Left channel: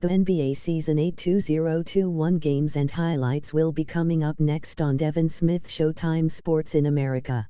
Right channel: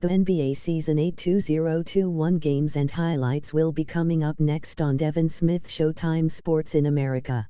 The NBA Season 8 2021 games and highlights will be coming up next on Devin Smith Showtime Sports in America.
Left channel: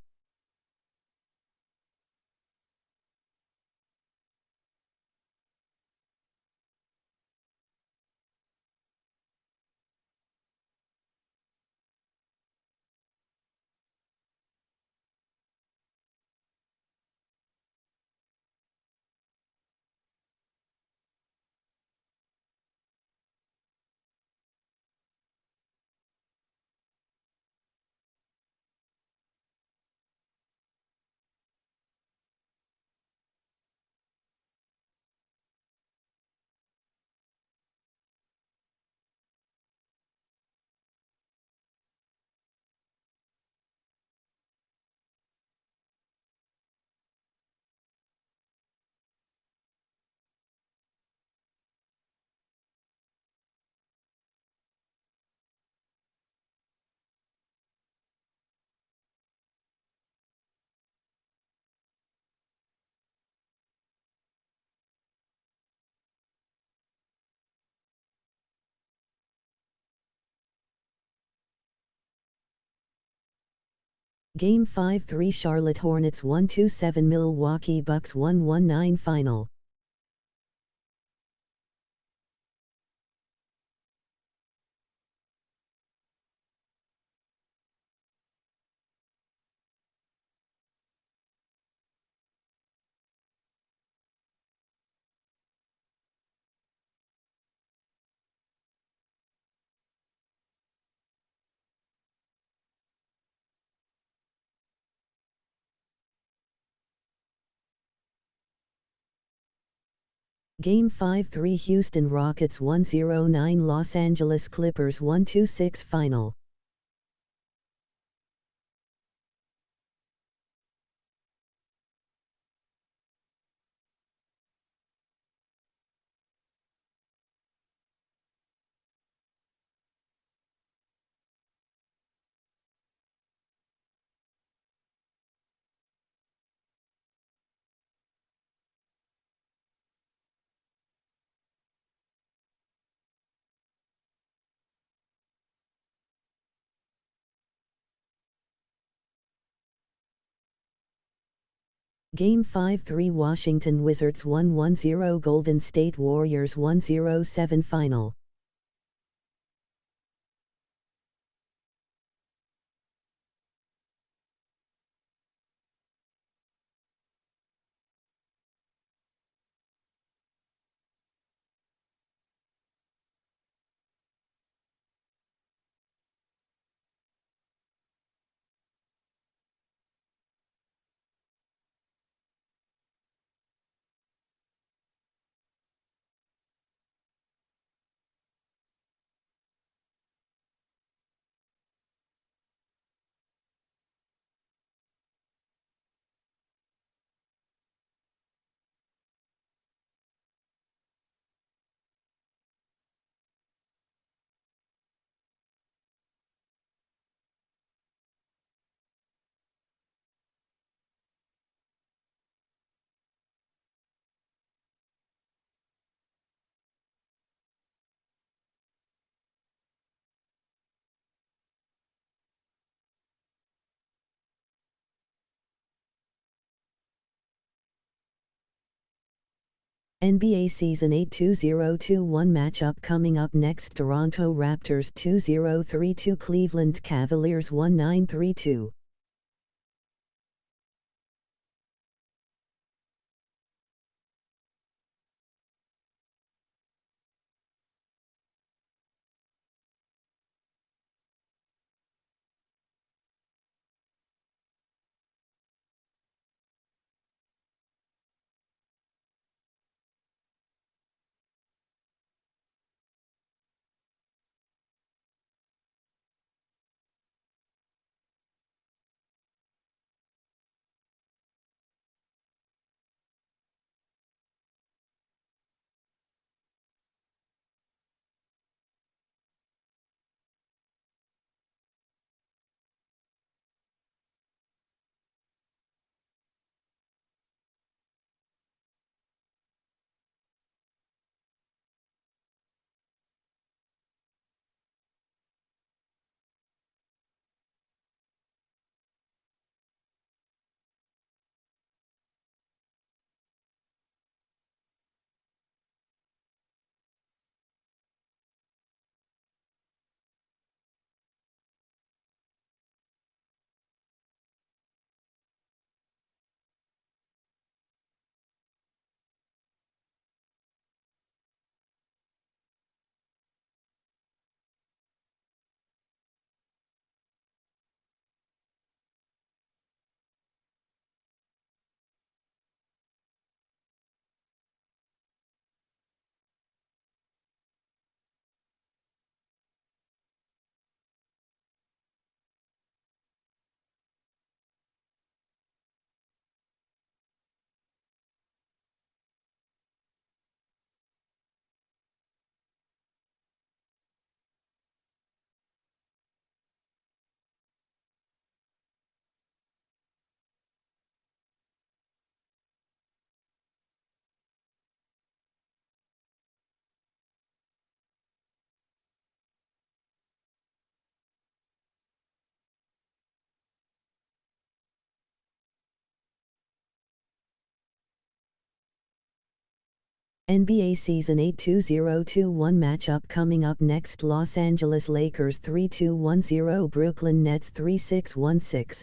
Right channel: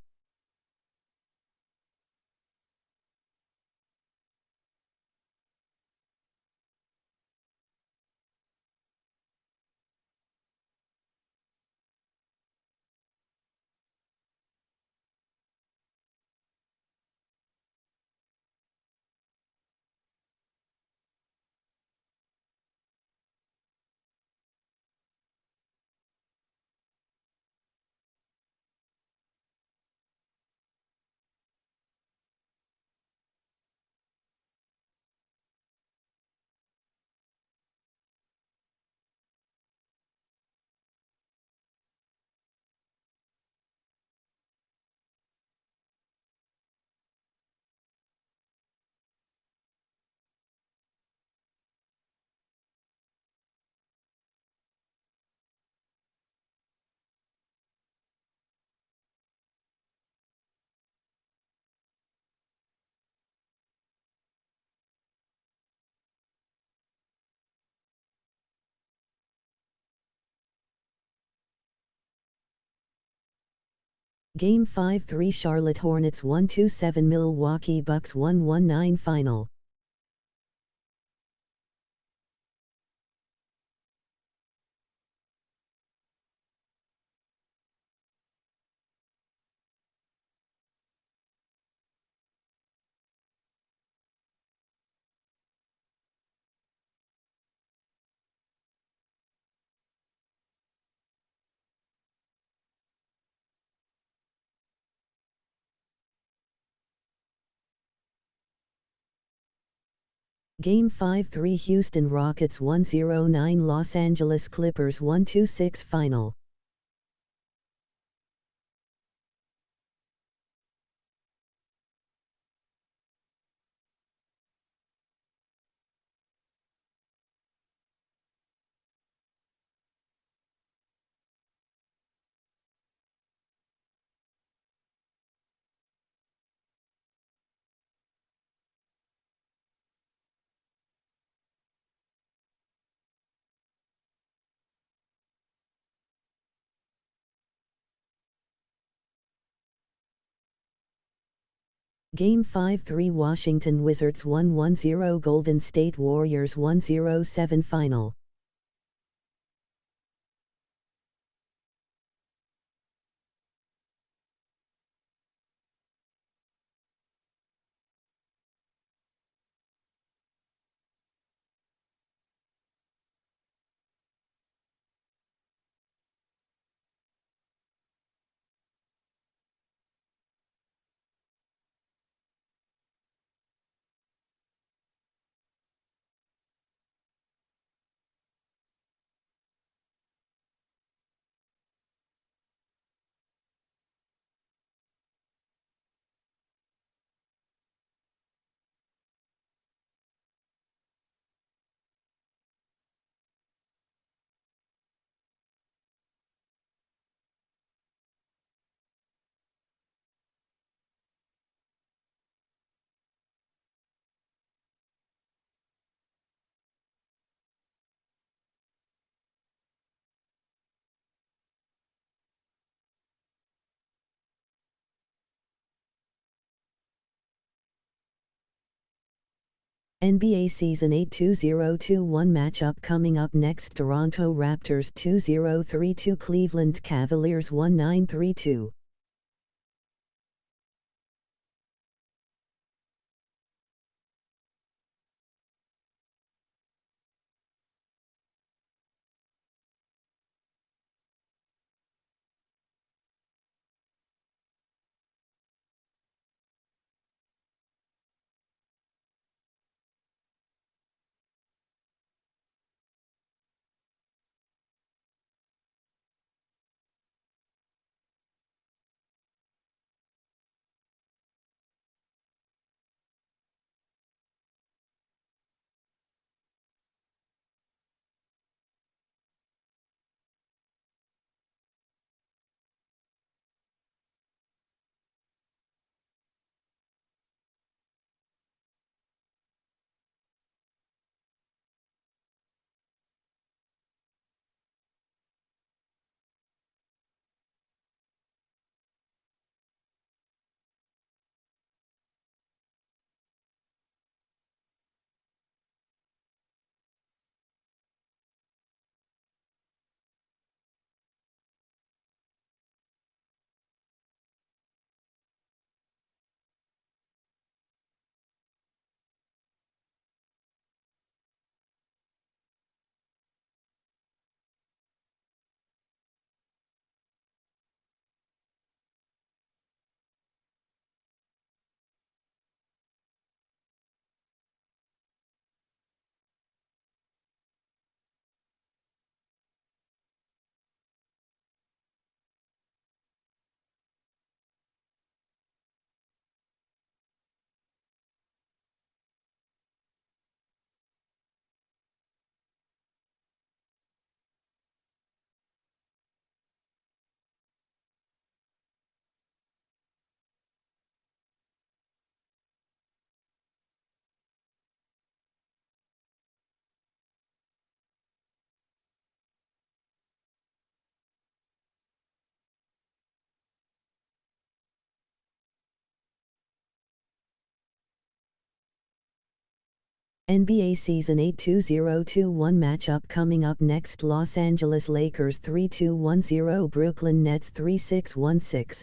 Game 5-3 Charlotte Hornets 127 Milwaukee Bucks 119 Final. Game 5-3 Houston Rockets 109 Los Angeles Clippers 126 Final. Game 5-3 Washington Wizards 110 Golden State Warriors 107 Final. NBA Season 8 2021 matchup coming up next. Toronto Raptors 2032 Cleveland Cavaliers 1932. NBA Season 8 2021 matchup coming up next. Los Angeles Lakers 3-2-1-0, Brooklyn Nets 3-6-1-6.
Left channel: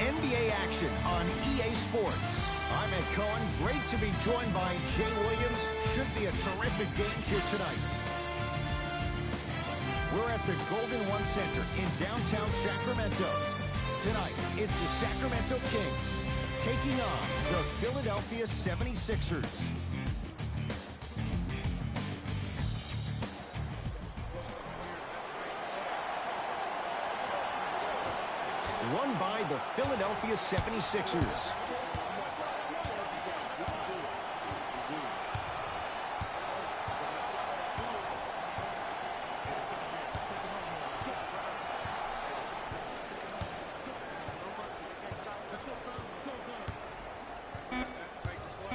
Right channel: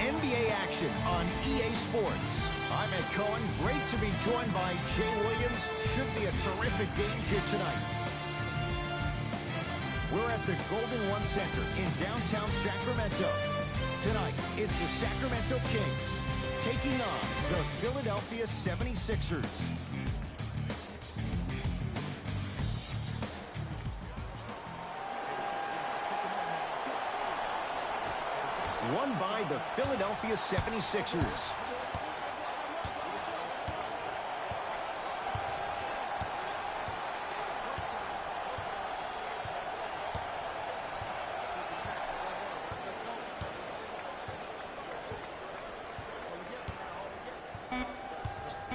NBA action on EA Sports. I'm Ed Cohen. Great to be joined by Jay Williams. Should be a terrific game here tonight. We're at the Golden One Center in downtown Sacramento. Tonight, it's the Sacramento Kings taking on the Philadelphia 76ers. Won by the Philadelphia 76ers.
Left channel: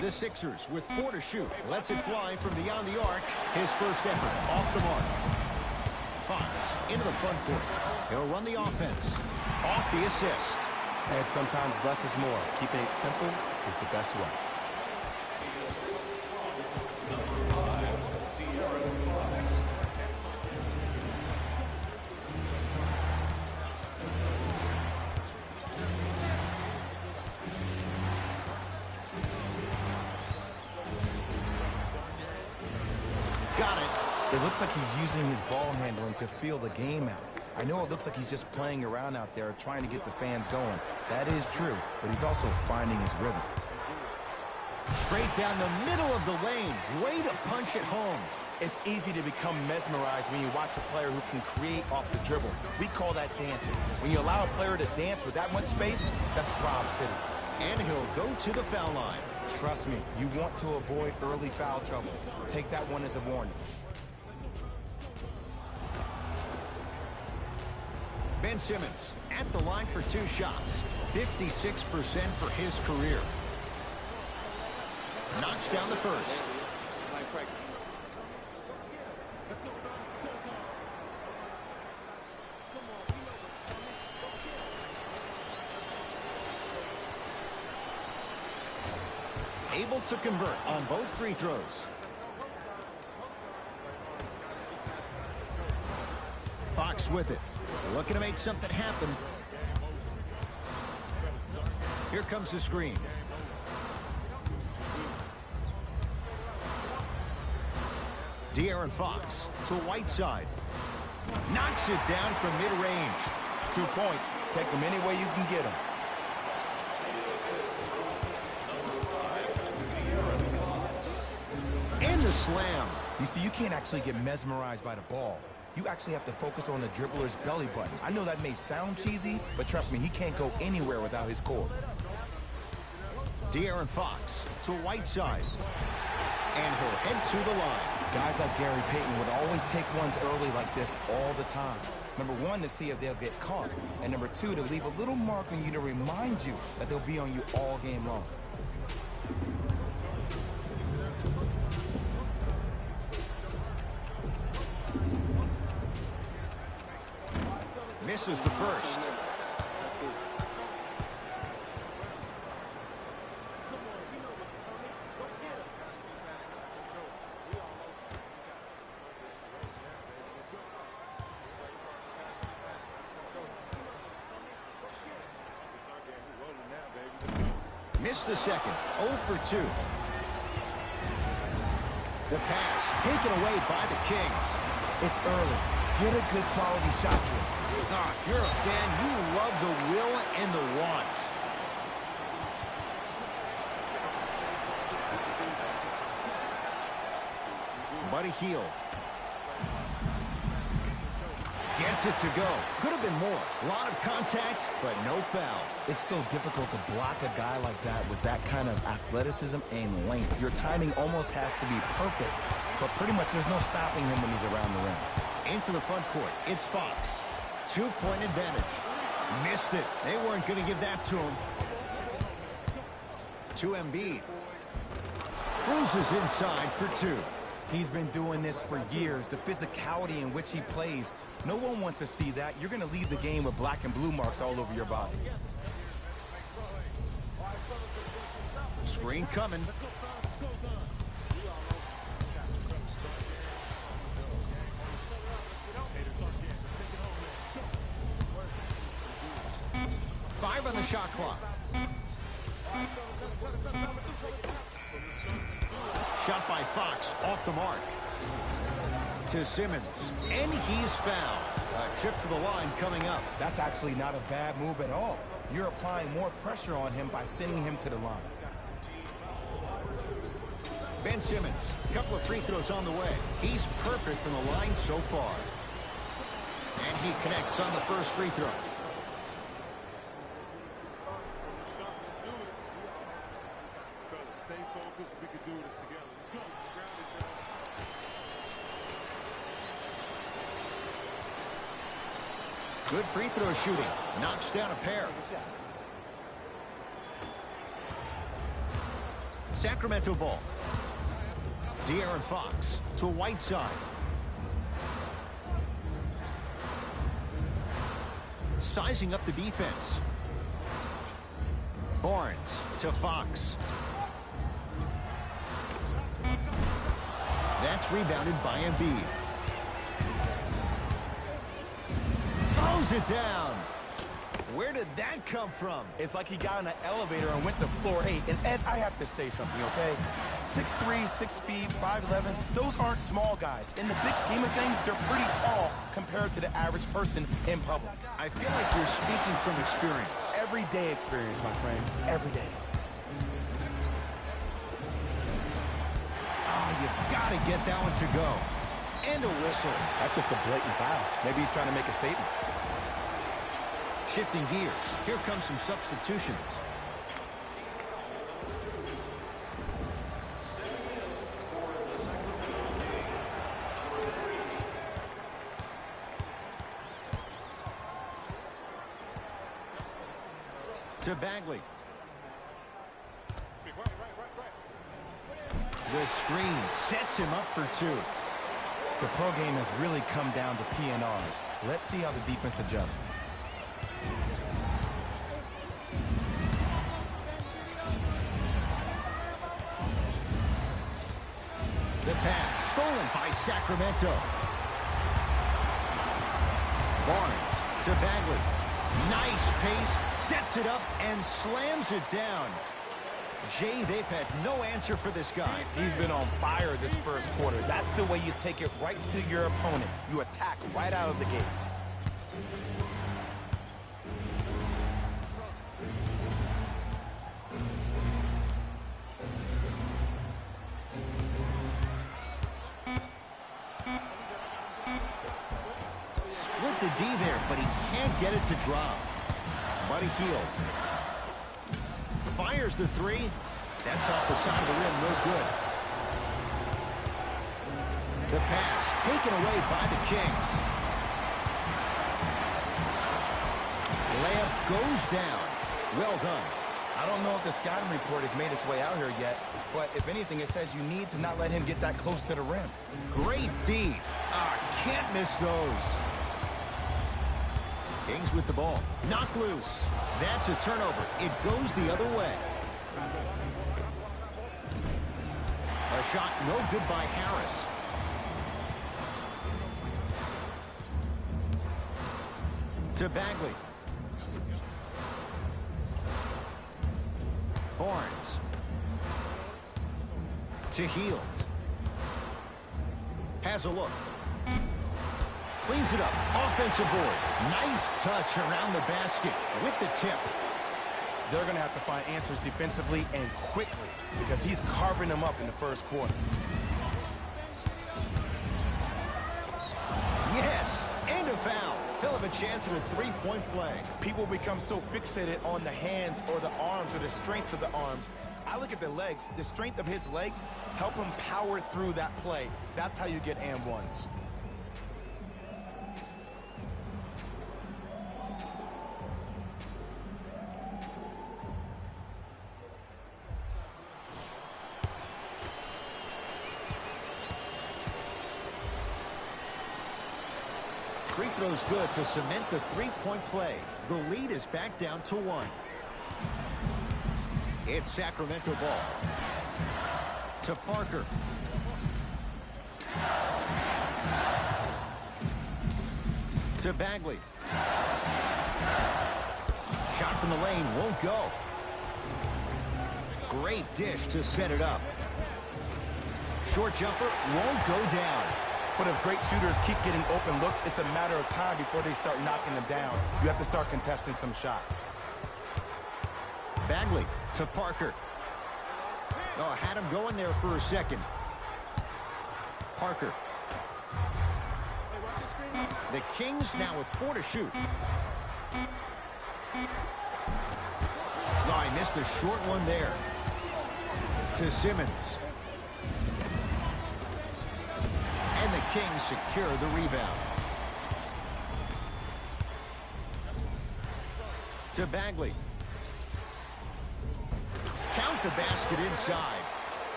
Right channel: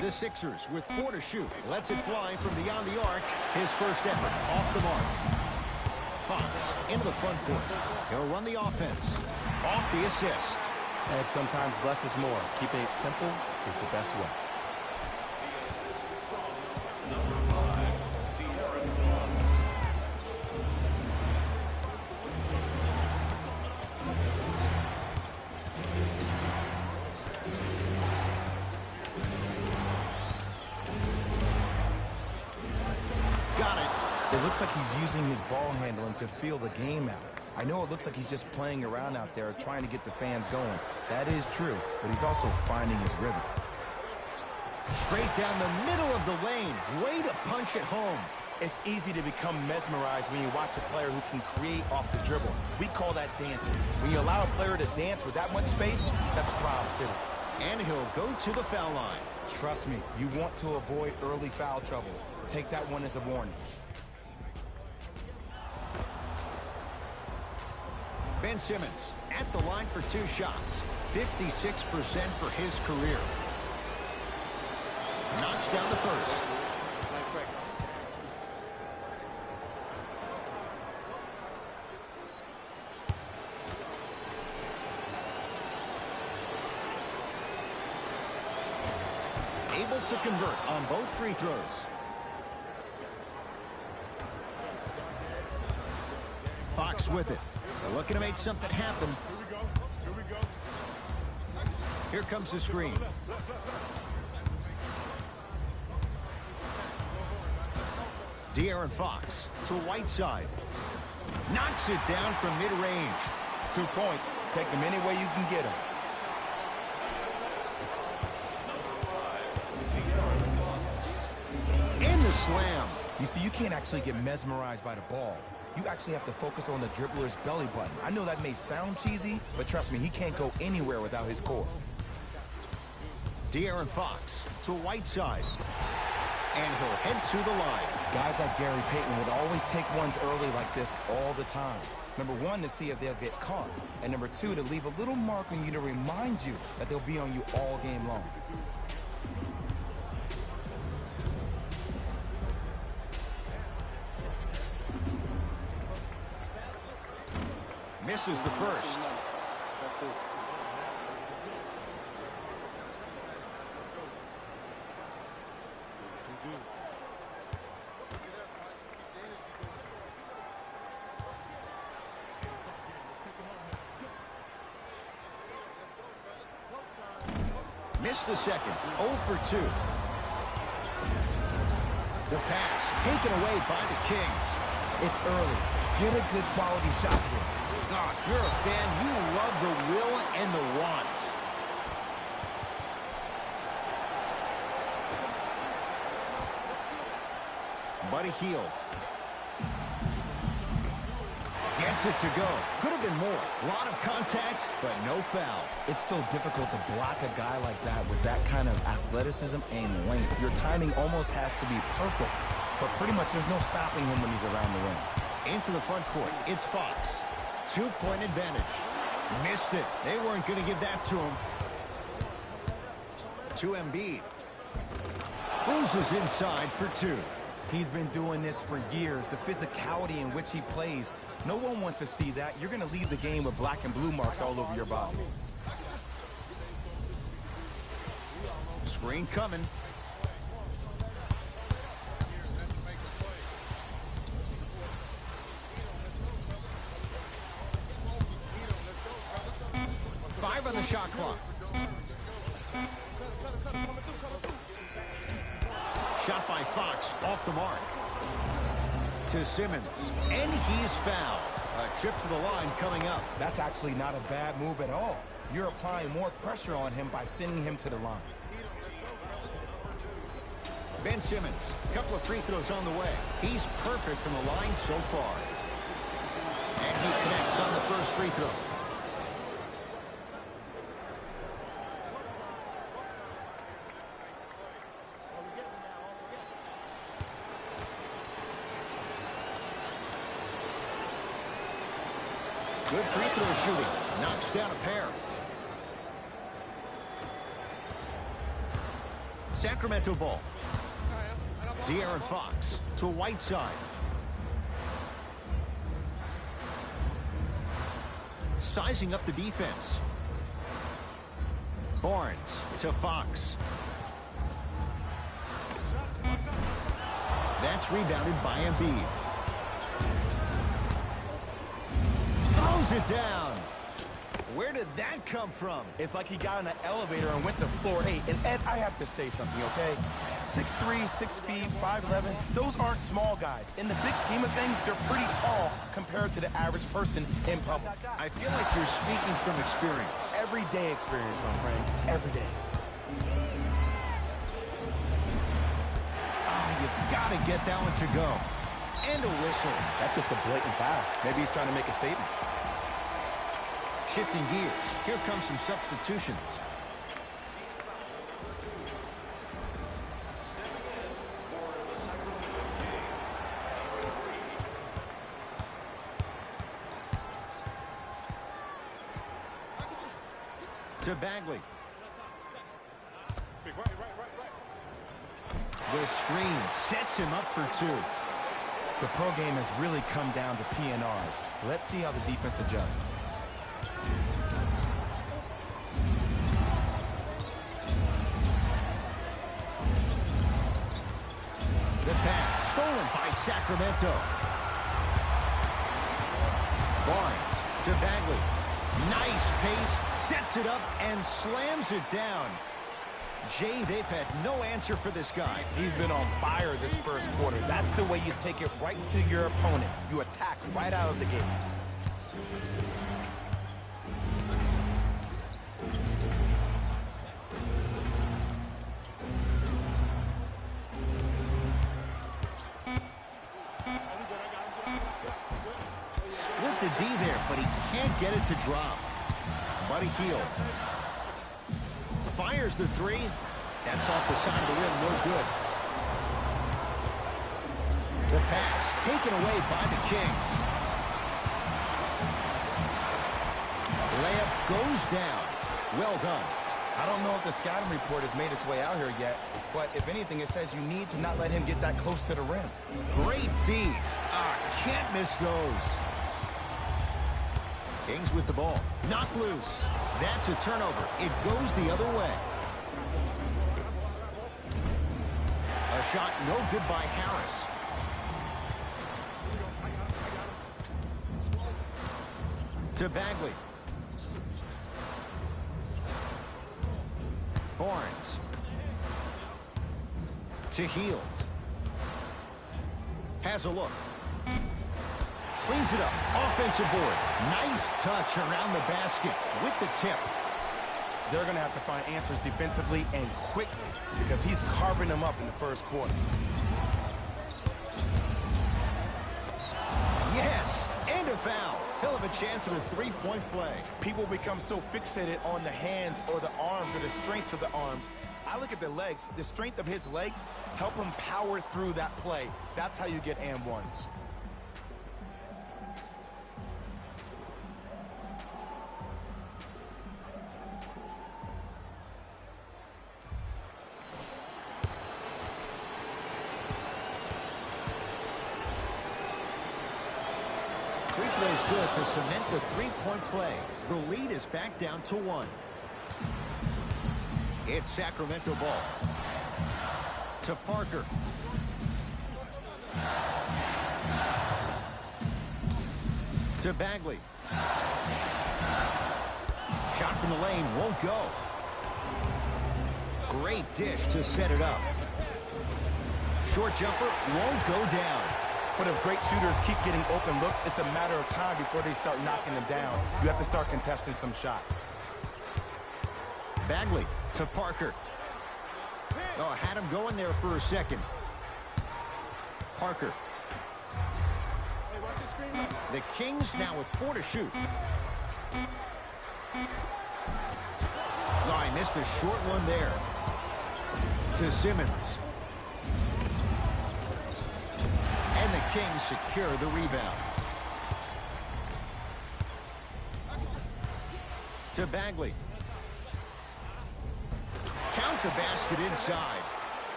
The Sixers with 4 to shoot. Lets it fly from beyond the arc. His first effort off the mark. Fox into the front court. He'll run the offense. Off the assist. And sometimes less is more. Keeping it simple is the best way. The assist from number 5, Fox. Got it. It looks like he's using his ball handling to feel the game out. I know it looks like he's just playing around out there trying to get the fans going. That is true, but he's also finding his rhythm. Straight down the middle of the lane. Way to punch it home. It's easy to become mesmerized when you watch a player who can create off the dribble. We call that dancing. When you allow a player to dance with that much space, that's Prob City. And he'll go to the foul line. Trust me, you want to avoid early foul trouble. Take that one as a warning. Ben Simmons at the line for 2 shots. 56% for his career. Knocks down the first. Able to convert on both free throws. Fox with it. Looking to make something happen. Here comes the screen. De'Aaron Fox to Whiteside. Knocks it down from mid-range. 2 points. Take them any way you can get them. And the slam. You see, you can't actually get mesmerized by the ball. You actually have to focus on the dribbler's belly button. I know that may sound cheesy, but trust me, he can't go anywhere without his core. De'Aaron Fox to Whiteside. And he'll head to the line. Guys like Gary Payton would always take ones early like this all the time. Number 1, to see if they'll get caught. And number 2, to leave a little mark on you to remind you that they'll be on you all game long. Misses the first. Missed the second. 0 for 2. The pass taken away by the Kings. It's early. Get a good quality shot here. Ah, if you're a fan, you love the will and the want. Buddy Hield. Gets it to go. Could have been more. A lot of contact, but no foul. It's so difficult to block a guy like that with that kind of athleticism and length. Your timing almost has to be perfect, but pretty much there's no stopping him when he's around the rim. Into the front court, it's Fox. 2-point advantage. Missed it. They weren't going to give that to him. To Embiid. Cruises inside for 2. He's been doing this for years. The physicality in which he plays. No one wants to see that. You're going to leave the game with black and blue marks all over your body. Screen coming. 5 on the shot clock. Shot by Fox, off the mark. To Simmons, and he's fouled. A trip to the line coming up. That's actually not a bad move at all. You're applying more pressure on him by sending him to the line. Ben Simmons, a couple of free throws on the way. He's perfect from the line so far. And he connects on the first free throw. Good free throw shooting. Knocks down a pair. Sacramento ball. De'Aaron Fox to Whiteside. Sizing up the defense. Barnes to Fox. That's rebounded by Embiid. Throws it down. Where did that come from? It's like he got in an elevator and went to floor 8. And Ed, I have to say something, okay? 6'3", 6 feet, 5'11", those aren't small guys. In the big scheme of things, they're pretty tall compared to the average person in public. I feel like you're speaking from experience. Everyday experience, my friend. Every day. You've got to get that one to go. And a whistle. That's just a blatant foul. Maybe he's trying to make a statement. Shifting gears. Here comes some substitutions. To Bagley. The screen sets him up for 2. The pro game has really come down to PNRs. Let's see how the defense adjusts. The pass stolen by Sacramento. Barnes to Bagley. Nice pace, sets it up and slams it down. Jay, they've had no answer for this guy. He's been on fire this first quarter. That's the way you take it right to your opponent. You attack right out of the gate. Split the D there, but he can't get it to drop. Buddy Hield. Fires the 3. That's off the side of the rim, no good. The pass taken away by the Kings. Layup goes down. Well done. I don't know if the scouting report has made its way out here yet, but if anything, it says you need to not let him get that close to the rim. Great feed. Can't miss those. Kings with the ball. Knocked loose. That's a turnover. It goes the other way. A shot no good by Harris. To Bagley. Barnes. To Hield. Has a look. Cleans it up. Offensive board. Nice touch around the basket with the tip. They're going to have to find answers defensively and quickly because he's carving them up in the first quarter. Yes, and a foul. He'll have a chance at a three-point play. People become so fixated on the hands or the arms or the strengths of the arms. I look at the legs. The strength of his legs help him power through that play. That's how you get and ones. Free throw's good to cement the three-point play. The lead is back down to 1. It's Sacramento ball. To Parker. To Bagley. Shot Shot from the lane won't go. Great dish to set it up. Short jumper won't go down. But if great shooters keep getting open looks, it's a matter of time before they start knocking them down. You have to start contesting some shots. Bagley to Parker. Oh, had him going there for a second. Parker. The Kings now with 4 to shoot. Oh, I missed a short one there. To Simmons. And the Kings secure the rebound. To Bagley. Count the basket inside.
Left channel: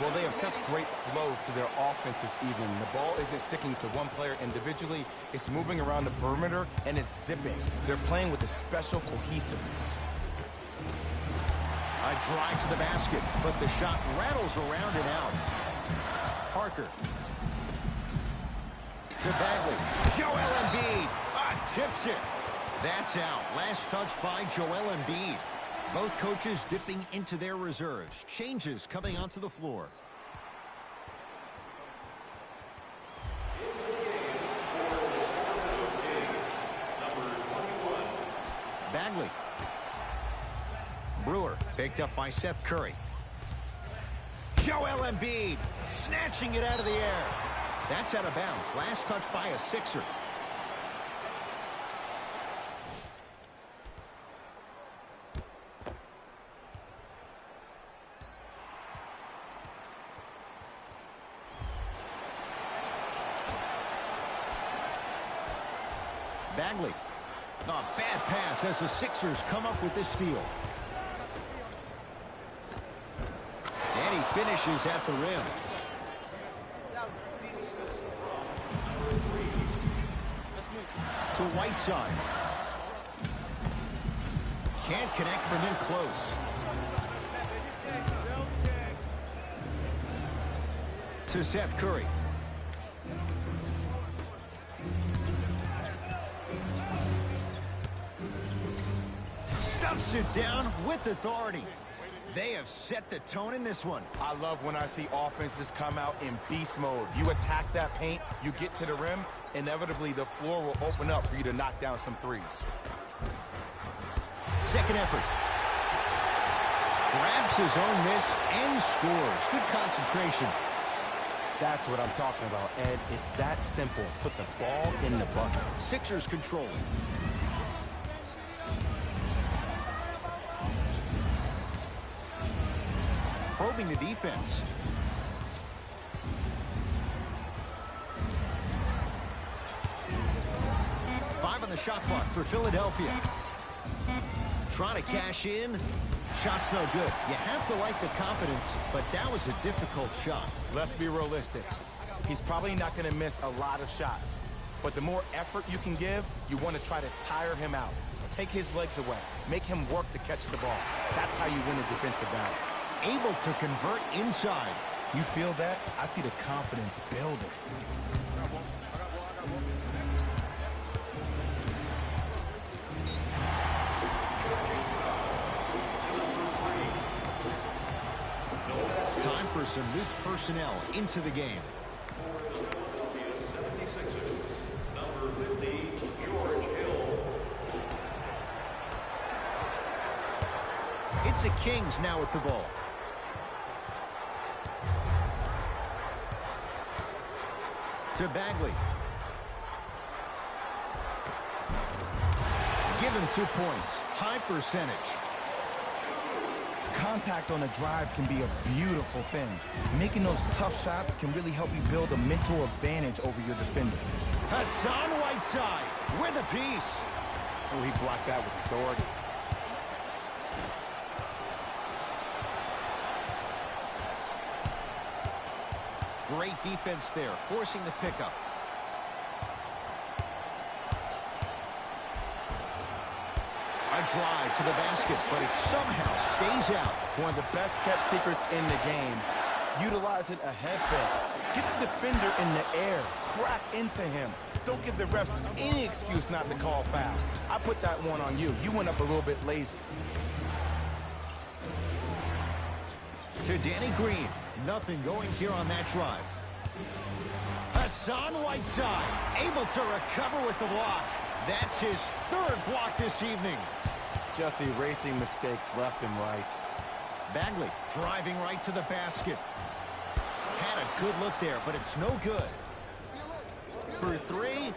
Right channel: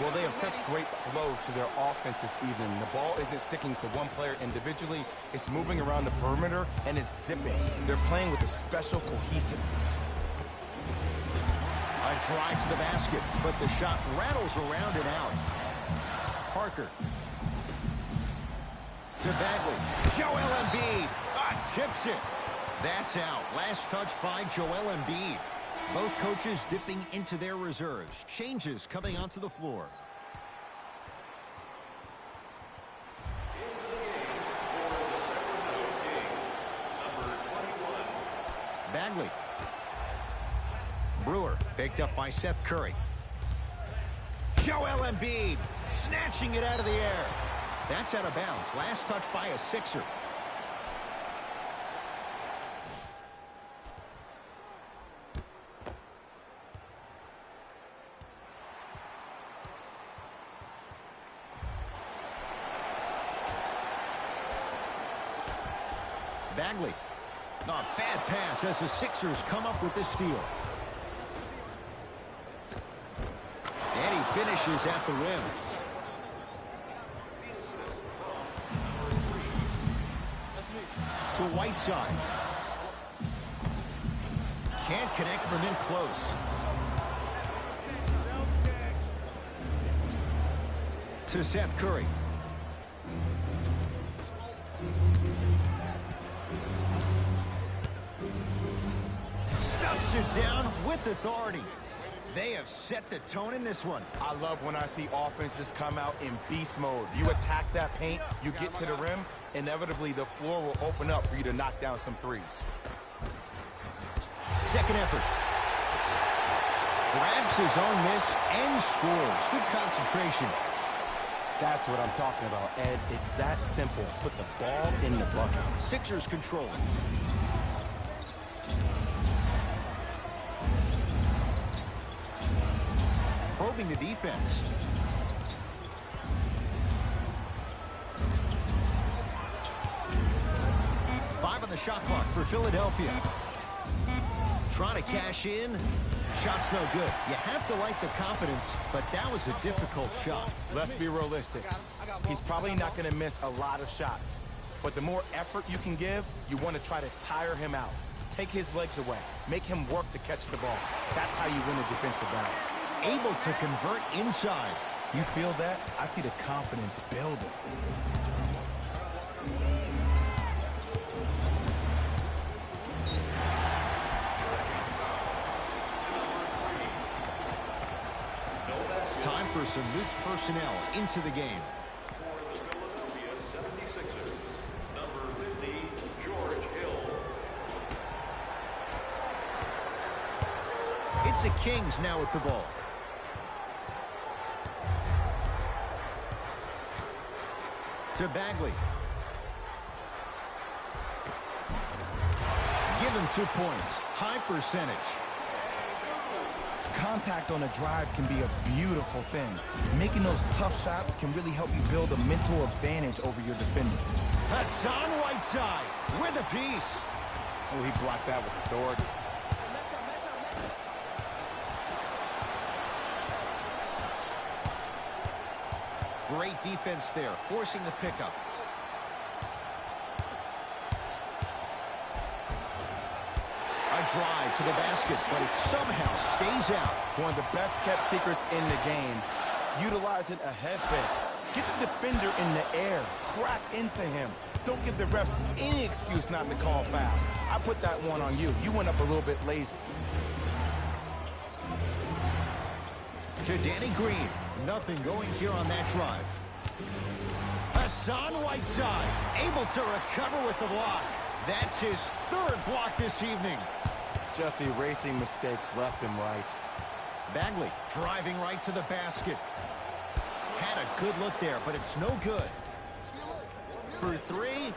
Well, they have such great flow to their offense this evening. The ball isn't sticking to one player individually. It's moving around the perimeter, and it's zipping. They're playing with a special cohesiveness. A drive to the basket, but the shot rattles around and out. Parker. To Bagley. Joel Embiid. Tips it. That's out. Last touch by Joel Embiid. Both coaches dipping into their reserves. Changes coming onto the floor. Into the game for the Sacramento Kings, number 21. Bagley. Brewer picked up by Seth Curry. Joel Embiid snatching it out of the air. That's out of bounds. Last touch by a Sixer. Bagley. A bad pass as the Sixers come up with this steal. And he finishes at the rim. To Whiteside. Can't connect from in close. To Seth Curry. Stuffs it down with authority. They have set the tone in this one. I love when I see offenses come out in beast mode. You attack that paint, you get to the rim, inevitably the floor will open up for you to knock down some threes. Second effort. Grabs his own miss and scores. Good concentration. That's what I'm talking about, Ed. It's that simple. Put the ball in the bucket. Sixers controlling. Probing the defense. Five on the shot clock for Philadelphia. Trying to cash in. Shot's no good. You have to like the confidence, but that was a difficult shot. Let's be realistic. He's probably not going to miss a lot of shots. But the more effort you can give, you want to try to tire him out. Take his legs away. Make him work to catch the ball. That's how you win a defensive battle. Able to convert inside. You feel that? I see the confidence building. Time for some new personnel into the game. For the Philadelphia 76ers, number 50, George Hill. It's the Kings now with the ball. To Bagley. Give him 2 points. High percentage. Contact on a drive can be a beautiful thing. Making those tough shots can really help you build a mental advantage over your defender. Hassan Whiteside with a piece. Oh, he blocked that with authority. Great defense there, forcing the pickup. A drive to the basket, but it somehow stays out. One of the best kept secrets in the game. Utilizing a head fake. Get the defender in the air. Crack into him. Don't give the refs any excuse not to call foul. I put that one on you. You went up a little bit lazy. To Danny Green. Nothing going here on that drive. Hassan Whiteside able to recover with the block. That's his third block this evening. Just erasing mistakes left and right. Bagley driving right to the basket. Had a good look there, but it's no good. For three,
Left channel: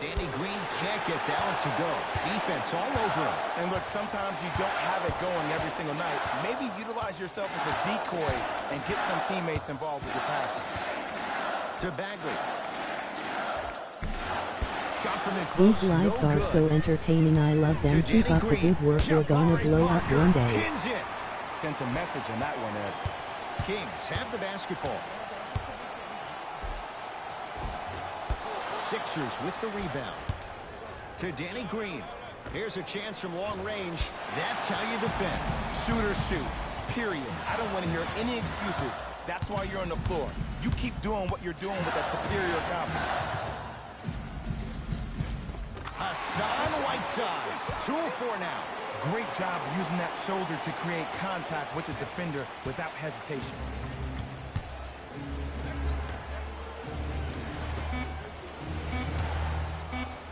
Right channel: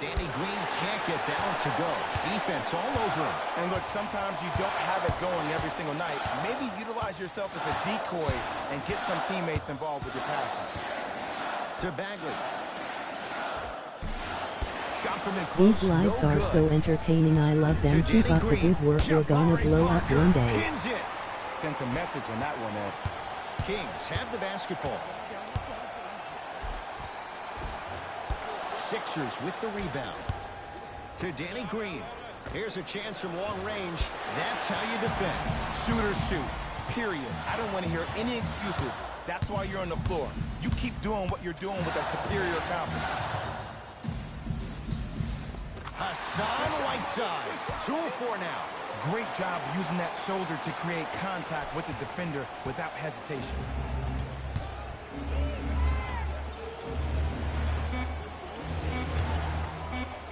Danny Green can't get that one to go. Defense all over him. And look, sometimes you don't have it going every single night. Maybe utilize yourself as a decoy and get some teammates involved with your passing. To Bagley. Shot from in close. These lights no are good. so entertaining. I love them. To Keep Danny up the Green. good work. You're gonna Jabari blow up Parker one day. pins it. Sent a message on that one, Ed. Kings have the basketball. Sixers with the rebound. To Danny Green. Here's a chance from long range. That's how you defend. Shoot or shoot, period. I don't want to hear any excuses. That's why you're on the floor. You keep doing what you're doing with that superior confidence. Hassan Whiteside. 2-4 now. Great job using that shoulder to create contact with the defender without hesitation.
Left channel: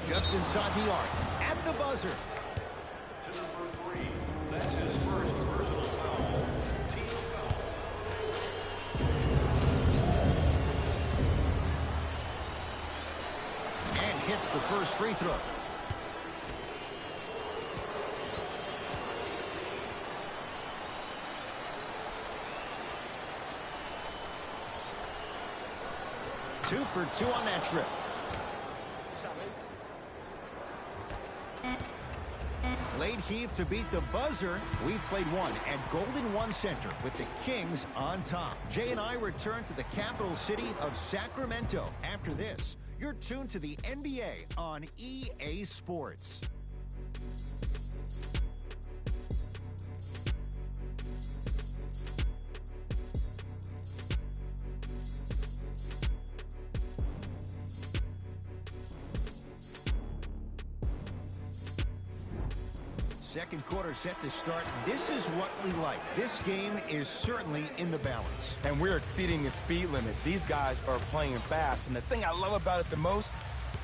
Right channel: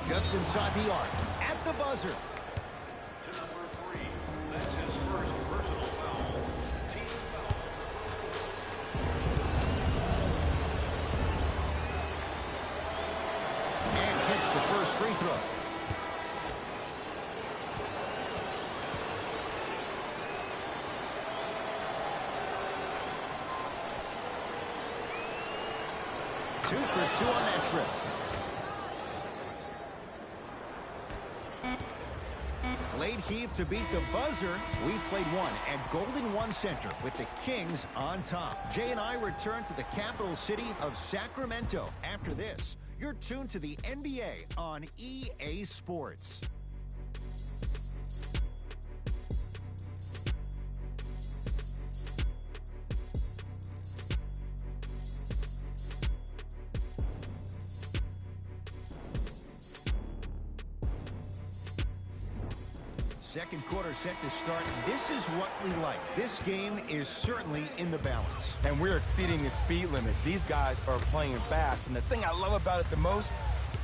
Just inside the arc. At the buzzer. To number 3. That's his first personal foul. Team foul. And hits the first free throw. Two for two on that trip. Late heave to beat the buzzer. We played one at Golden One Center with the Kings on top. Jay and I return to the capital city of Sacramento. After this, you're tuned to the NBA on EA Sports. Second quarter set to start. This is what we like. This game is certainly in the balance. And we're exceeding the speed limit. These guys are playing fast. And the thing I love about it the most,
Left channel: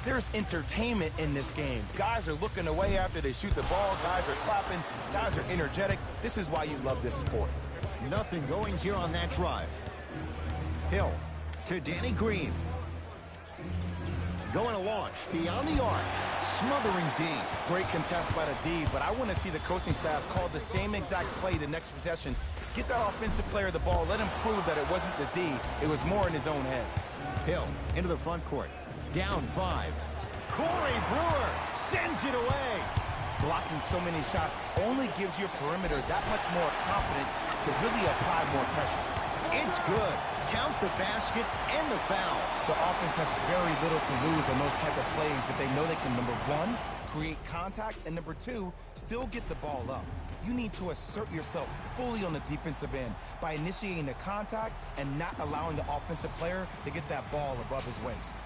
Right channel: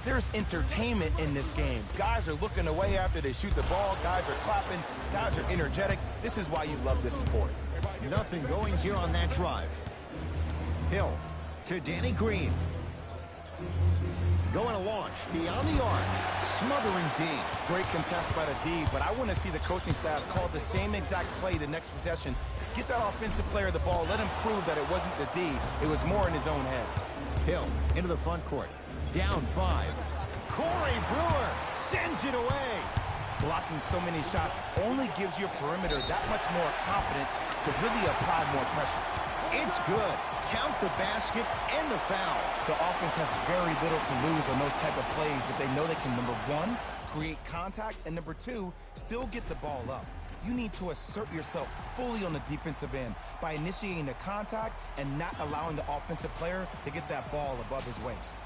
there's entertainment in this game. Guys are looking away after they shoot the ball. Guys are clapping. Guys are energetic. This is why you love this sport. Nothing going here on that drive. Hill to Danny Green. Going to launch beyond the arc. Smothering D. Great contest by the D, but I want to see the coaching staff call the same exact play the next possession. Get that offensive player the ball. Let him prove that it wasn't the D. It was more in his own head. Hill into the front court. Down 5. Corey Brewer sends it away. Blocking so many shots only gives your perimeter that much more confidence to really apply more pressure. It's good. Count the basket and the foul. The offense has very little to lose on those type of plays if they know they can, number one, create contact, and number two, still get the ball up. You need to assert yourself fully on the defensive end by initiating the contact and not allowing the offensive player to get that ball above his waist.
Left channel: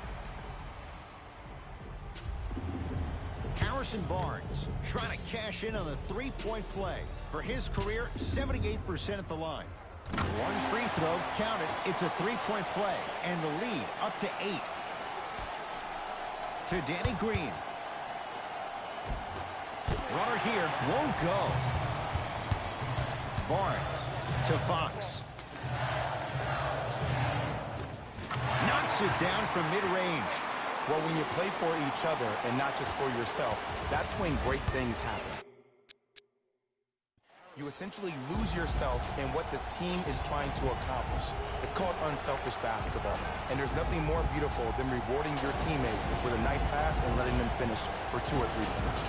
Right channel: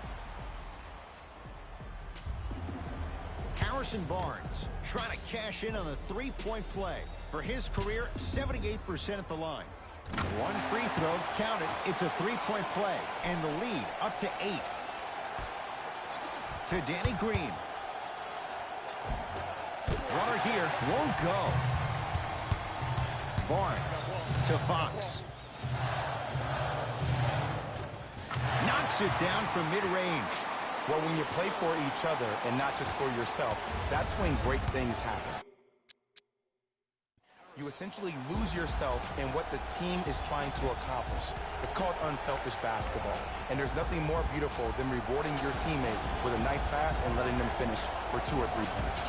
Harrison Barnes trying to cash in on a three-point play. For his career, 78% at the line. One free throw counted. It's a three-point play, and the lead up to 8. To Danny Green. Runner here won't go. Barnes to Fox. Knocks it down from mid-range. Well, when you play for each other and not just for yourself, that's when great things happen. You essentially lose yourself in what the team is trying to accomplish. It's called unselfish basketball. And there's nothing more beautiful than rewarding your teammate with a nice pass and letting them finish for 2 or 3 points.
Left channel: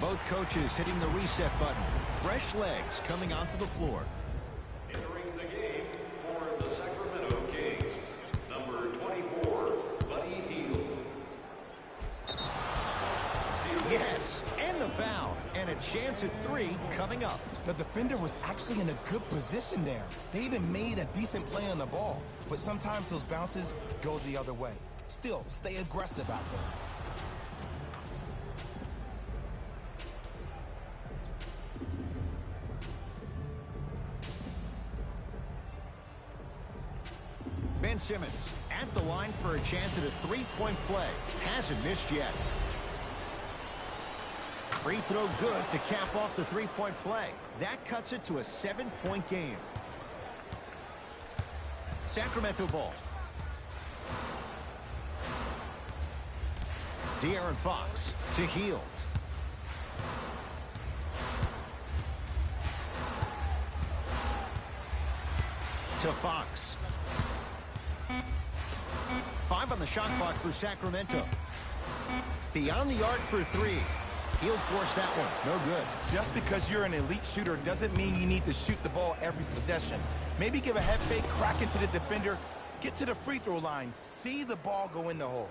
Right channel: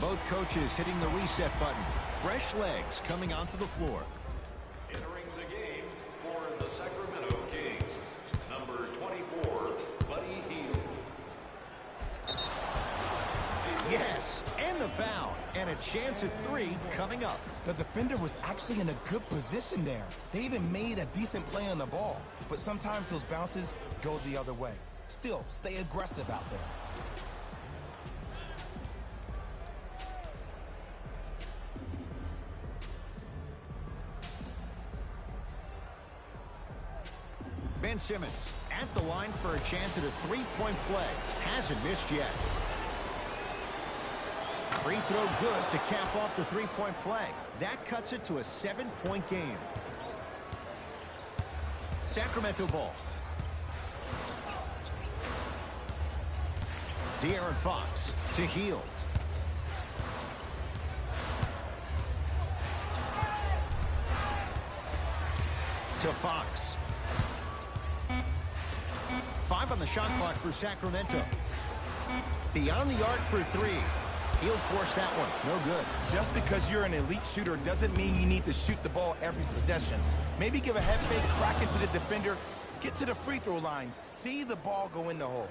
Both coaches hitting the reset button. fresh legs coming onto the floor. Entering the game for the Sacramento Kings, number 24, Buddy Hield. Yes, and the foul, and a chance at 3 coming up. The defender was actually in a good position there. They even made a decent play on the ball, but sometimes those bounces go the other way. Still, stay aggressive out there. Ben Simmons at the line for a chance at a three-point play. Hasn't missed yet. Free throw good to cap off the three-point play. That cuts it to a 7-point game. Sacramento ball. De'Aaron Fox to Hield. To Fox. 5 on the shot clock for Sacramento. Beyond the arc for 3. He'll force that one. No good. Just because you're an elite shooter doesn't mean you need to shoot the ball every possession. Maybe give a head fake, crack into the defender, get to the free throw line, see the ball go in the hole.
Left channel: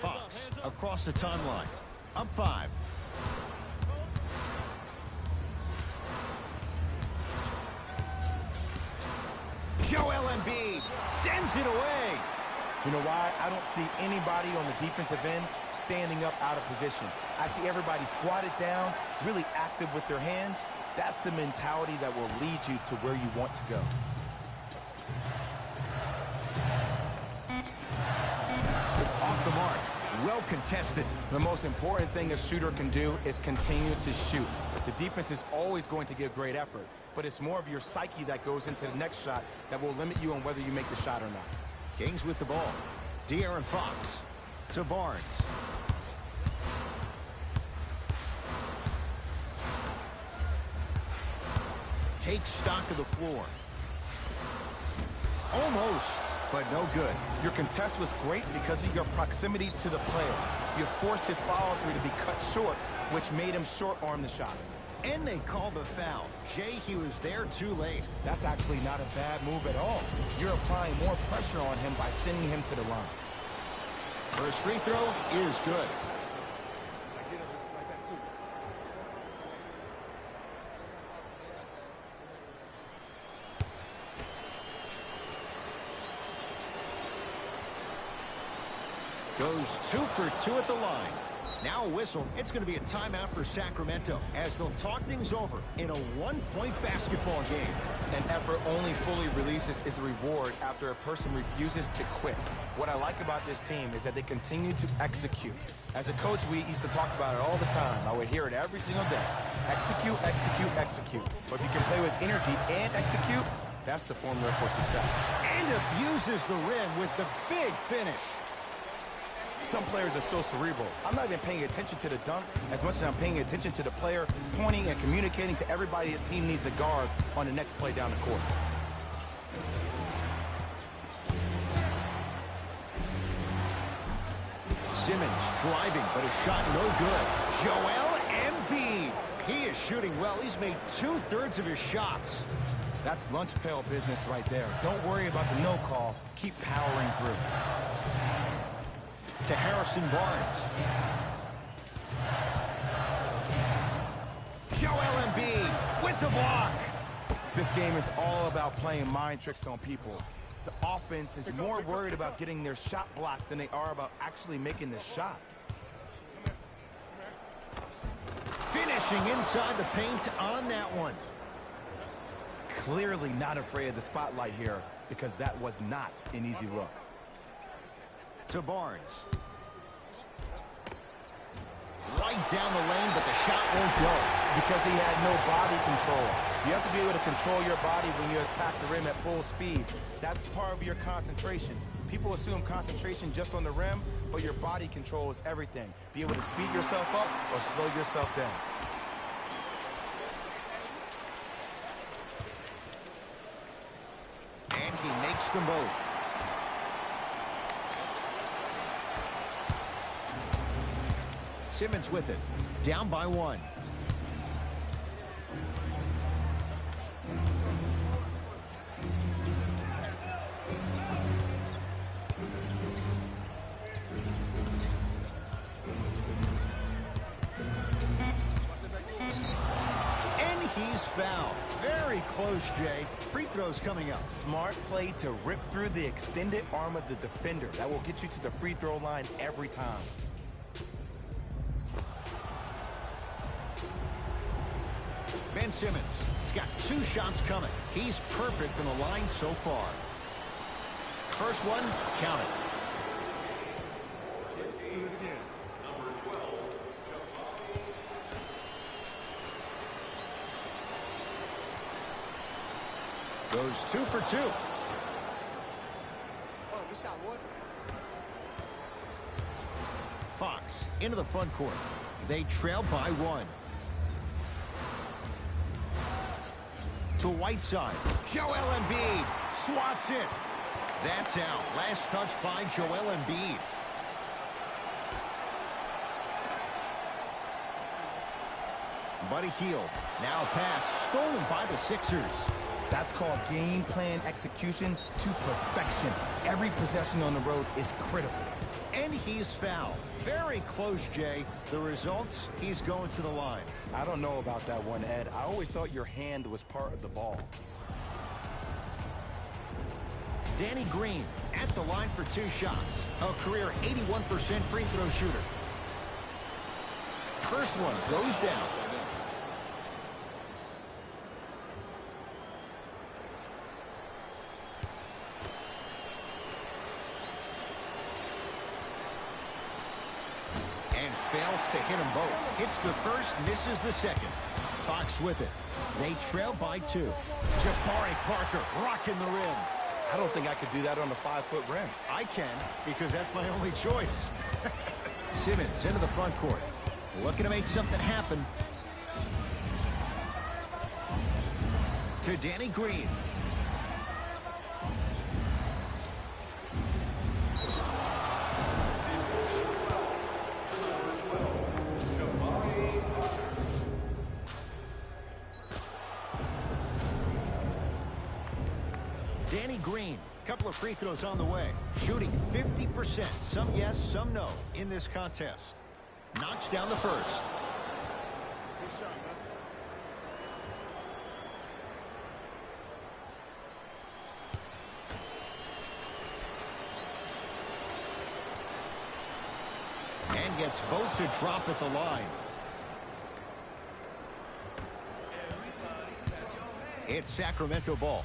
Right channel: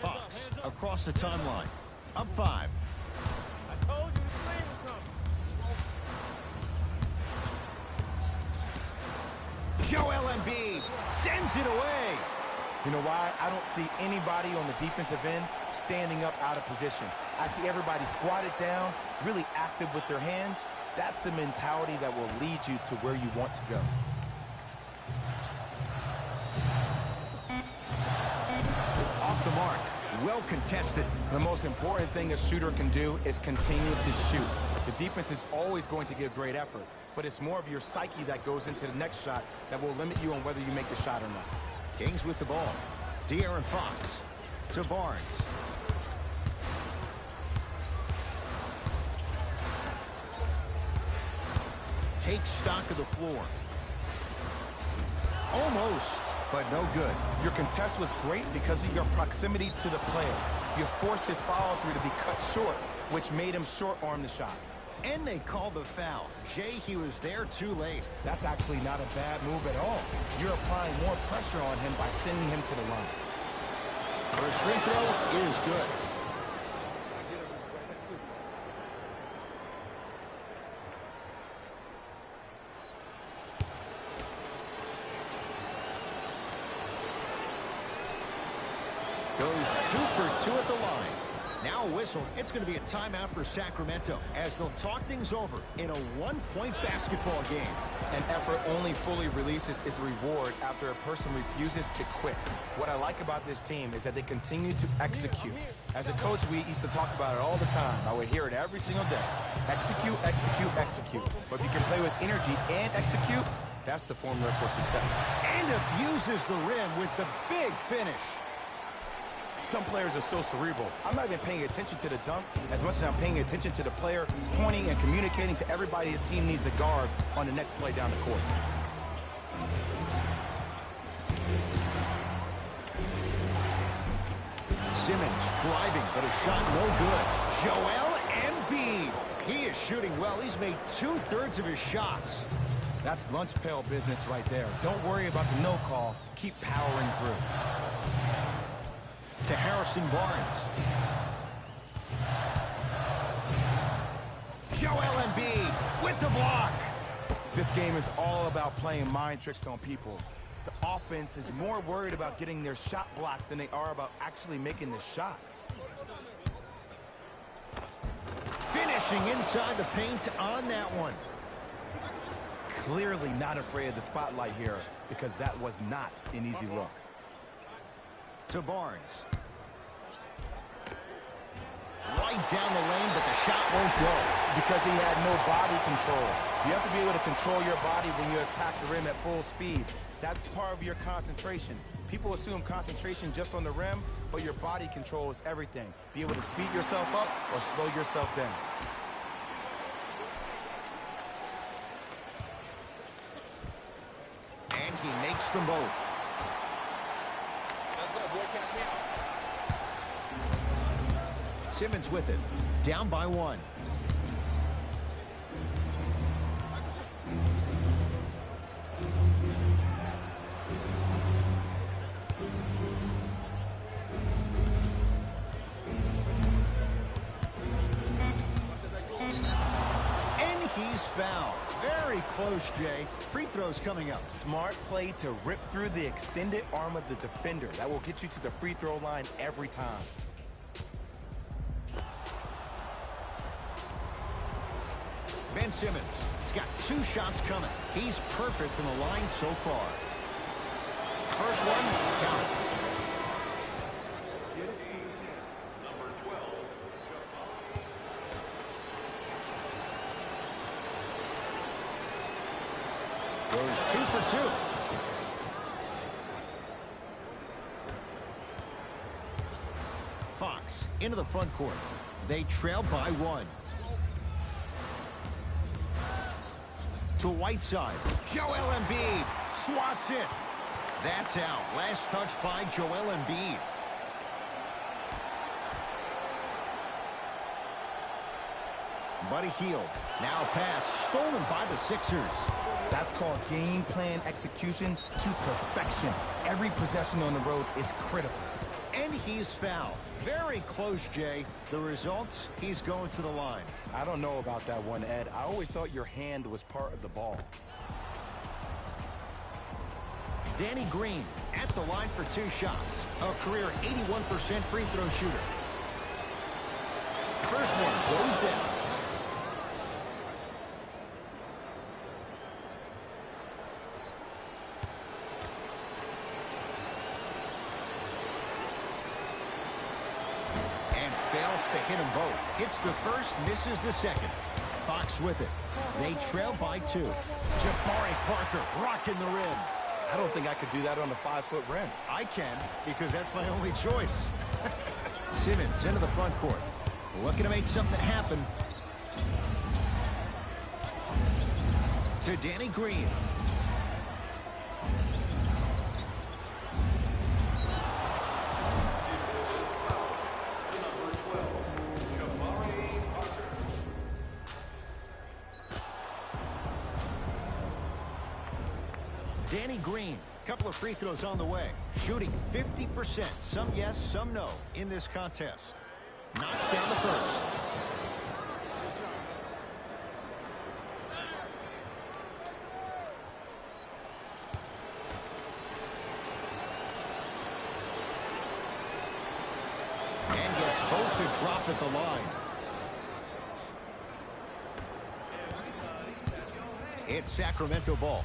Fox across the timeline. Up 5. Joel Embiid sends it away. You know why? I don't see anybody on the defensive end standing up out of position. I see everybody squatted down, really active with their hands. That's the mentality that will lead you to where you want to go. Off the mark. Well contested. The most important thing a shooter can do is continue to shoot. The defense is always going to give great effort, but it's more of your psyche that goes into the next shot that will limit you on whether you make the shot or not. Kings with the ball. De'Aaron Fox to Barnes. Takes stock of the floor. Almost, but no good. Your contest was great because of your proximity to the player. You forced his follow-through to be cut short, which made him short-arm the shot. And they called the foul. Jay, he was there too late. That's actually not a bad move at all. You're applying more pressure on him by sending him to the line. First free throw is good. Goes 2 for 2 at the line. Now a whistle. It's going to be a timeout for Sacramento as they'll talk things over in a 1-point basketball game. An effort only fully releases its reward after a person refuses to quit. What I like about this team is that they continue to execute. As a coach, we used to talk about it all the time. I would hear it every single day. Execute, execute, execute. But if you can play with energy and execute, that's the formula for success. And abuses the rim with the big finish. Some players are so cerebral. I'm not even paying attention to the dunk as much as I'm paying attention to the player pointing and communicating to everybody his team needs a guard on the next play down the court. Simmons driving, but a shot no good. Joel Embiid. He is shooting well. He's made 2/3 of his shots. That's lunch pail business right there. Don't worry about the no call. Keep powering through. To Harrison Barnes. Joel Embiid with the block. This game is all about playing mind tricks on people. The offense is more worried about getting their shot blocked than they are about actually making the shot. Finishing inside the paint on that one. Clearly not afraid of the spotlight here because that was not an easy look. To Barnes. Right down the lane, but the shot won't go. Because he had no body control. You have to be able to control your body when you attack the rim at full speed. That's part of your concentration. People assume concentration just on the rim, but your body control is everything. Be able to speed yourself up or slow yourself down. And he makes them both. Simmons with it. down by 1. And he's fouled. Very close, Jay. Free throws coming up. Smart play to rip through the extended arm of the defender. That will get you to the free throw line every time. Ben Simmons has got 2 shots coming. He's perfect from the line so far. First one, count it. Number 12, Goes 2 for 2. Fox into the front court. They trail by 1. To Whiteside. Joel Embiid swats it. That's out. Last touch by Joel Embiid. Buddy Hield. Now pass stolen by the Sixers. That's called game plan execution to perfection. Every possession on the road is critical. And he's fouled. Very close, Jay. The results, he's going to the line. I don't know about that one, Ed. I always thought your hand was part of the ball. Danny Green at the line for 2 shots. A career 81% free throw shooter. First one goes down. And fails to hit them both. Hits the first, misses the second. Fox with it. They trail by 2. Jabari Parker rocking the rim. I don't think I could do that on a 5-foot rim. I can, because that's my only choice. Simmons into the front court. Looking to make something happen. To Danny Green. defensive foul to number 12, Jabari Parker. Danny Green, couple of free throws on the way. Shooting 50%. Some yes, some no in this contest. Knocks down the first. And gets both to drop at the line. It's Sacramento ball.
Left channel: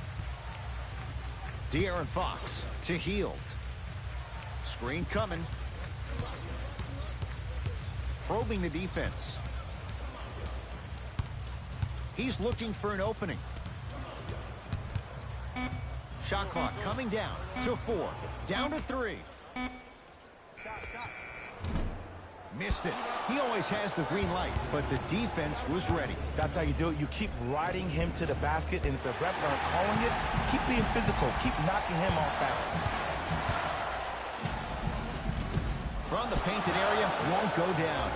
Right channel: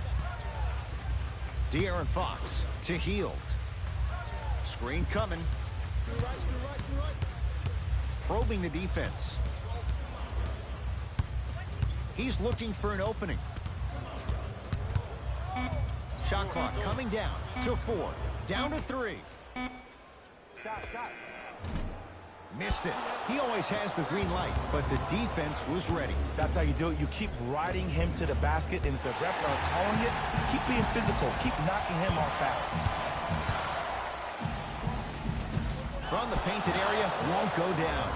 De'Aaron Fox to Hield. Screen coming. Probing the defense. He's looking for an opening. Shot clock coming down to 4. Down to 3. Missed it. He always has the green light, but the defense was ready. That's how you do it. You keep riding him to the basket, and if the refs aren't calling it, keep being physical. Keep knocking him off balance. From the painted area, won't go down.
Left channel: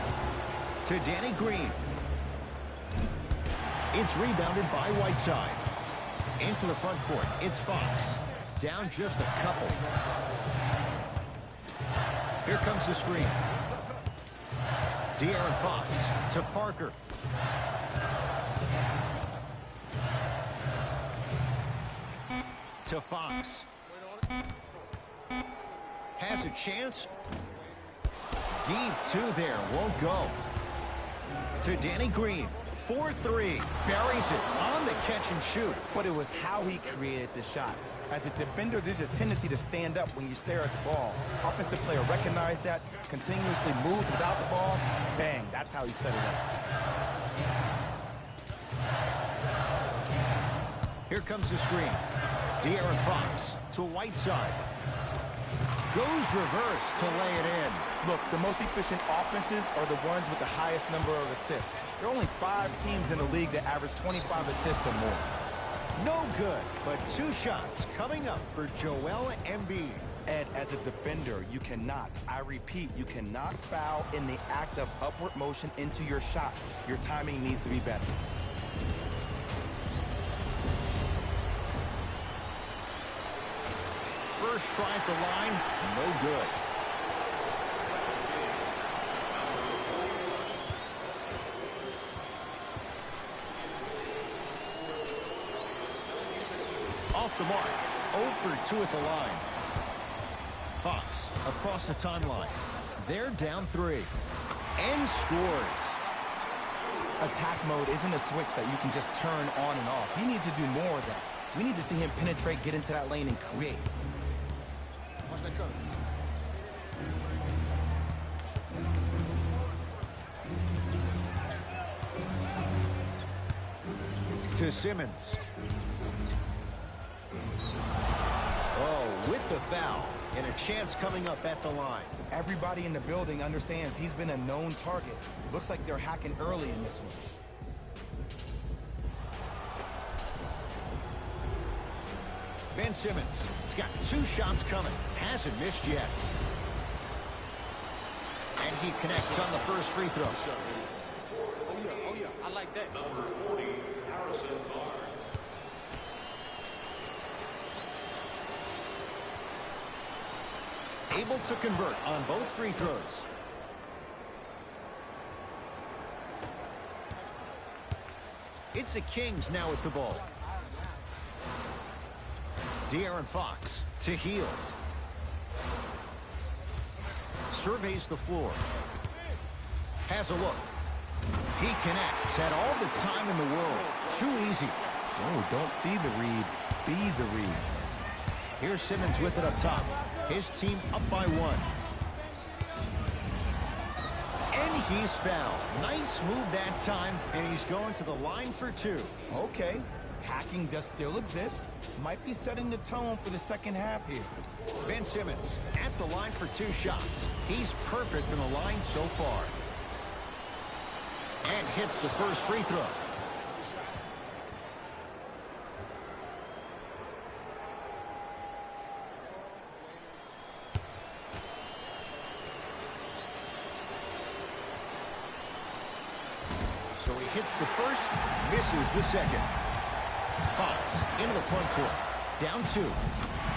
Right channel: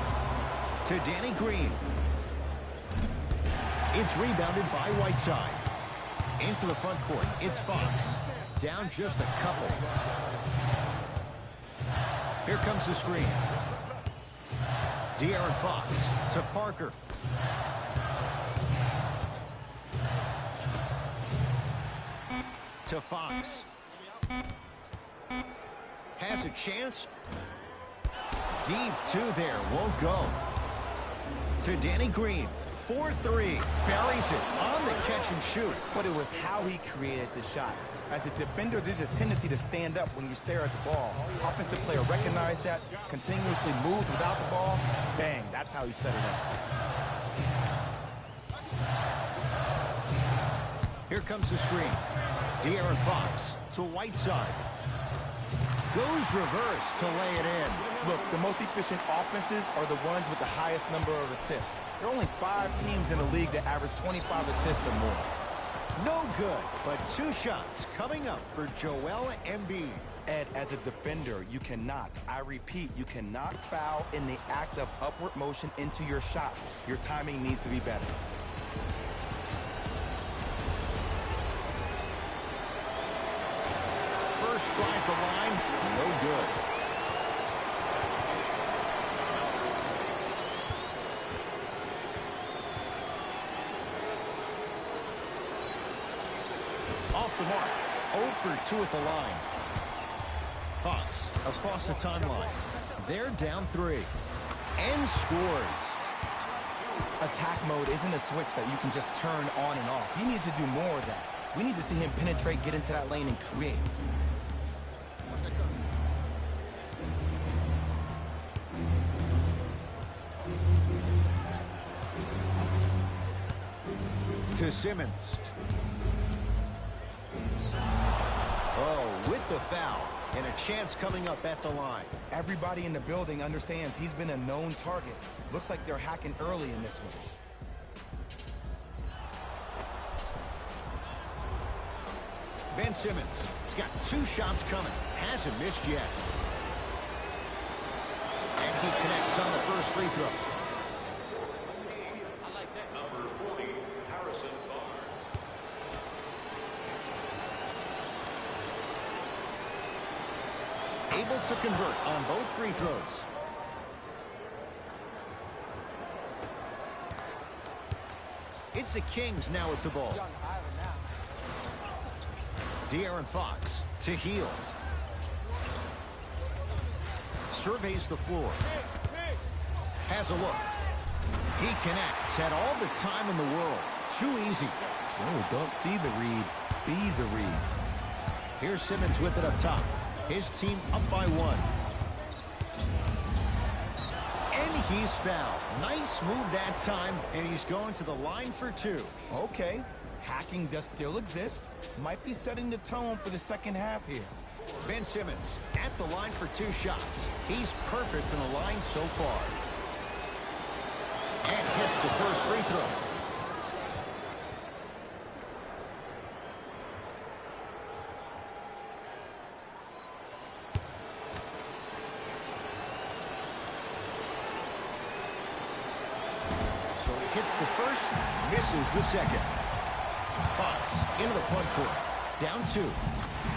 To Danny Green. It's rebounded by Whiteside. Into the front court, it's Fox. Down just a couple. Here comes the screen. De'Aaron Fox to Parker. To Fox. Has a chance. Deep 2 there, won't go. To Danny Green. 4-3. Buries it on the catch and shoot. But it was how he created the shot. As a defender, there's a tendency to stand up when you stare at the ball. Offensive player recognized that, continuously moved without the ball. Bang, that's how he set it up. Here comes the screen. De'Aaron Fox to Whiteside. Goes reverse to lay it in. Look, the most efficient offenses are the ones with the highest number of assists. There are only 5 teams in the league that average 25 assists or more. No good, but 2 shots coming up for Joel Embiid. Ed, As a defender, you cannot, I repeat, you cannot foul in the act of upward motion into your shot. Your timing needs to be better. First try at the line, no good. Off the mark, 0 for 2 at the line. Fox across the timeline. They're down 3 and scores. Attack mode isn't a switch that you can just turn on and off. He needs to do more of that. We need to see him penetrate, get into that lane, and create. Watch that cut. To Simmons. Oh, with the foul. And a chance coming up at the line. Everybody in the building understands he's been a known target. Looks like they're hacking early in this one. Ben Simmons has got 2 shots coming. Hasn't missed yet. And he connects on the first free throw. Oh yeah, I like that. Number 40, Harrison Barnes. Able to convert on both free throws. It's the Kings now with the ball. De'Aaron Fox to Hield. Surveys the floor. Has a look. He connects. Had all the time in the world. Too easy. Oh, don't see the read. Be the read. Here's Simmons with it up top. His team up by 1. And he's fouled. Nice move that time, and he's going to the line for 2. Okay, hacking does still exist. Might be setting the tone for the second half here. Ben Simmons at the line for 2 shots. He's perfect from the line so far. And hits the first free throw. So he hits the first, misses the second. Fox into the front court. Down 2.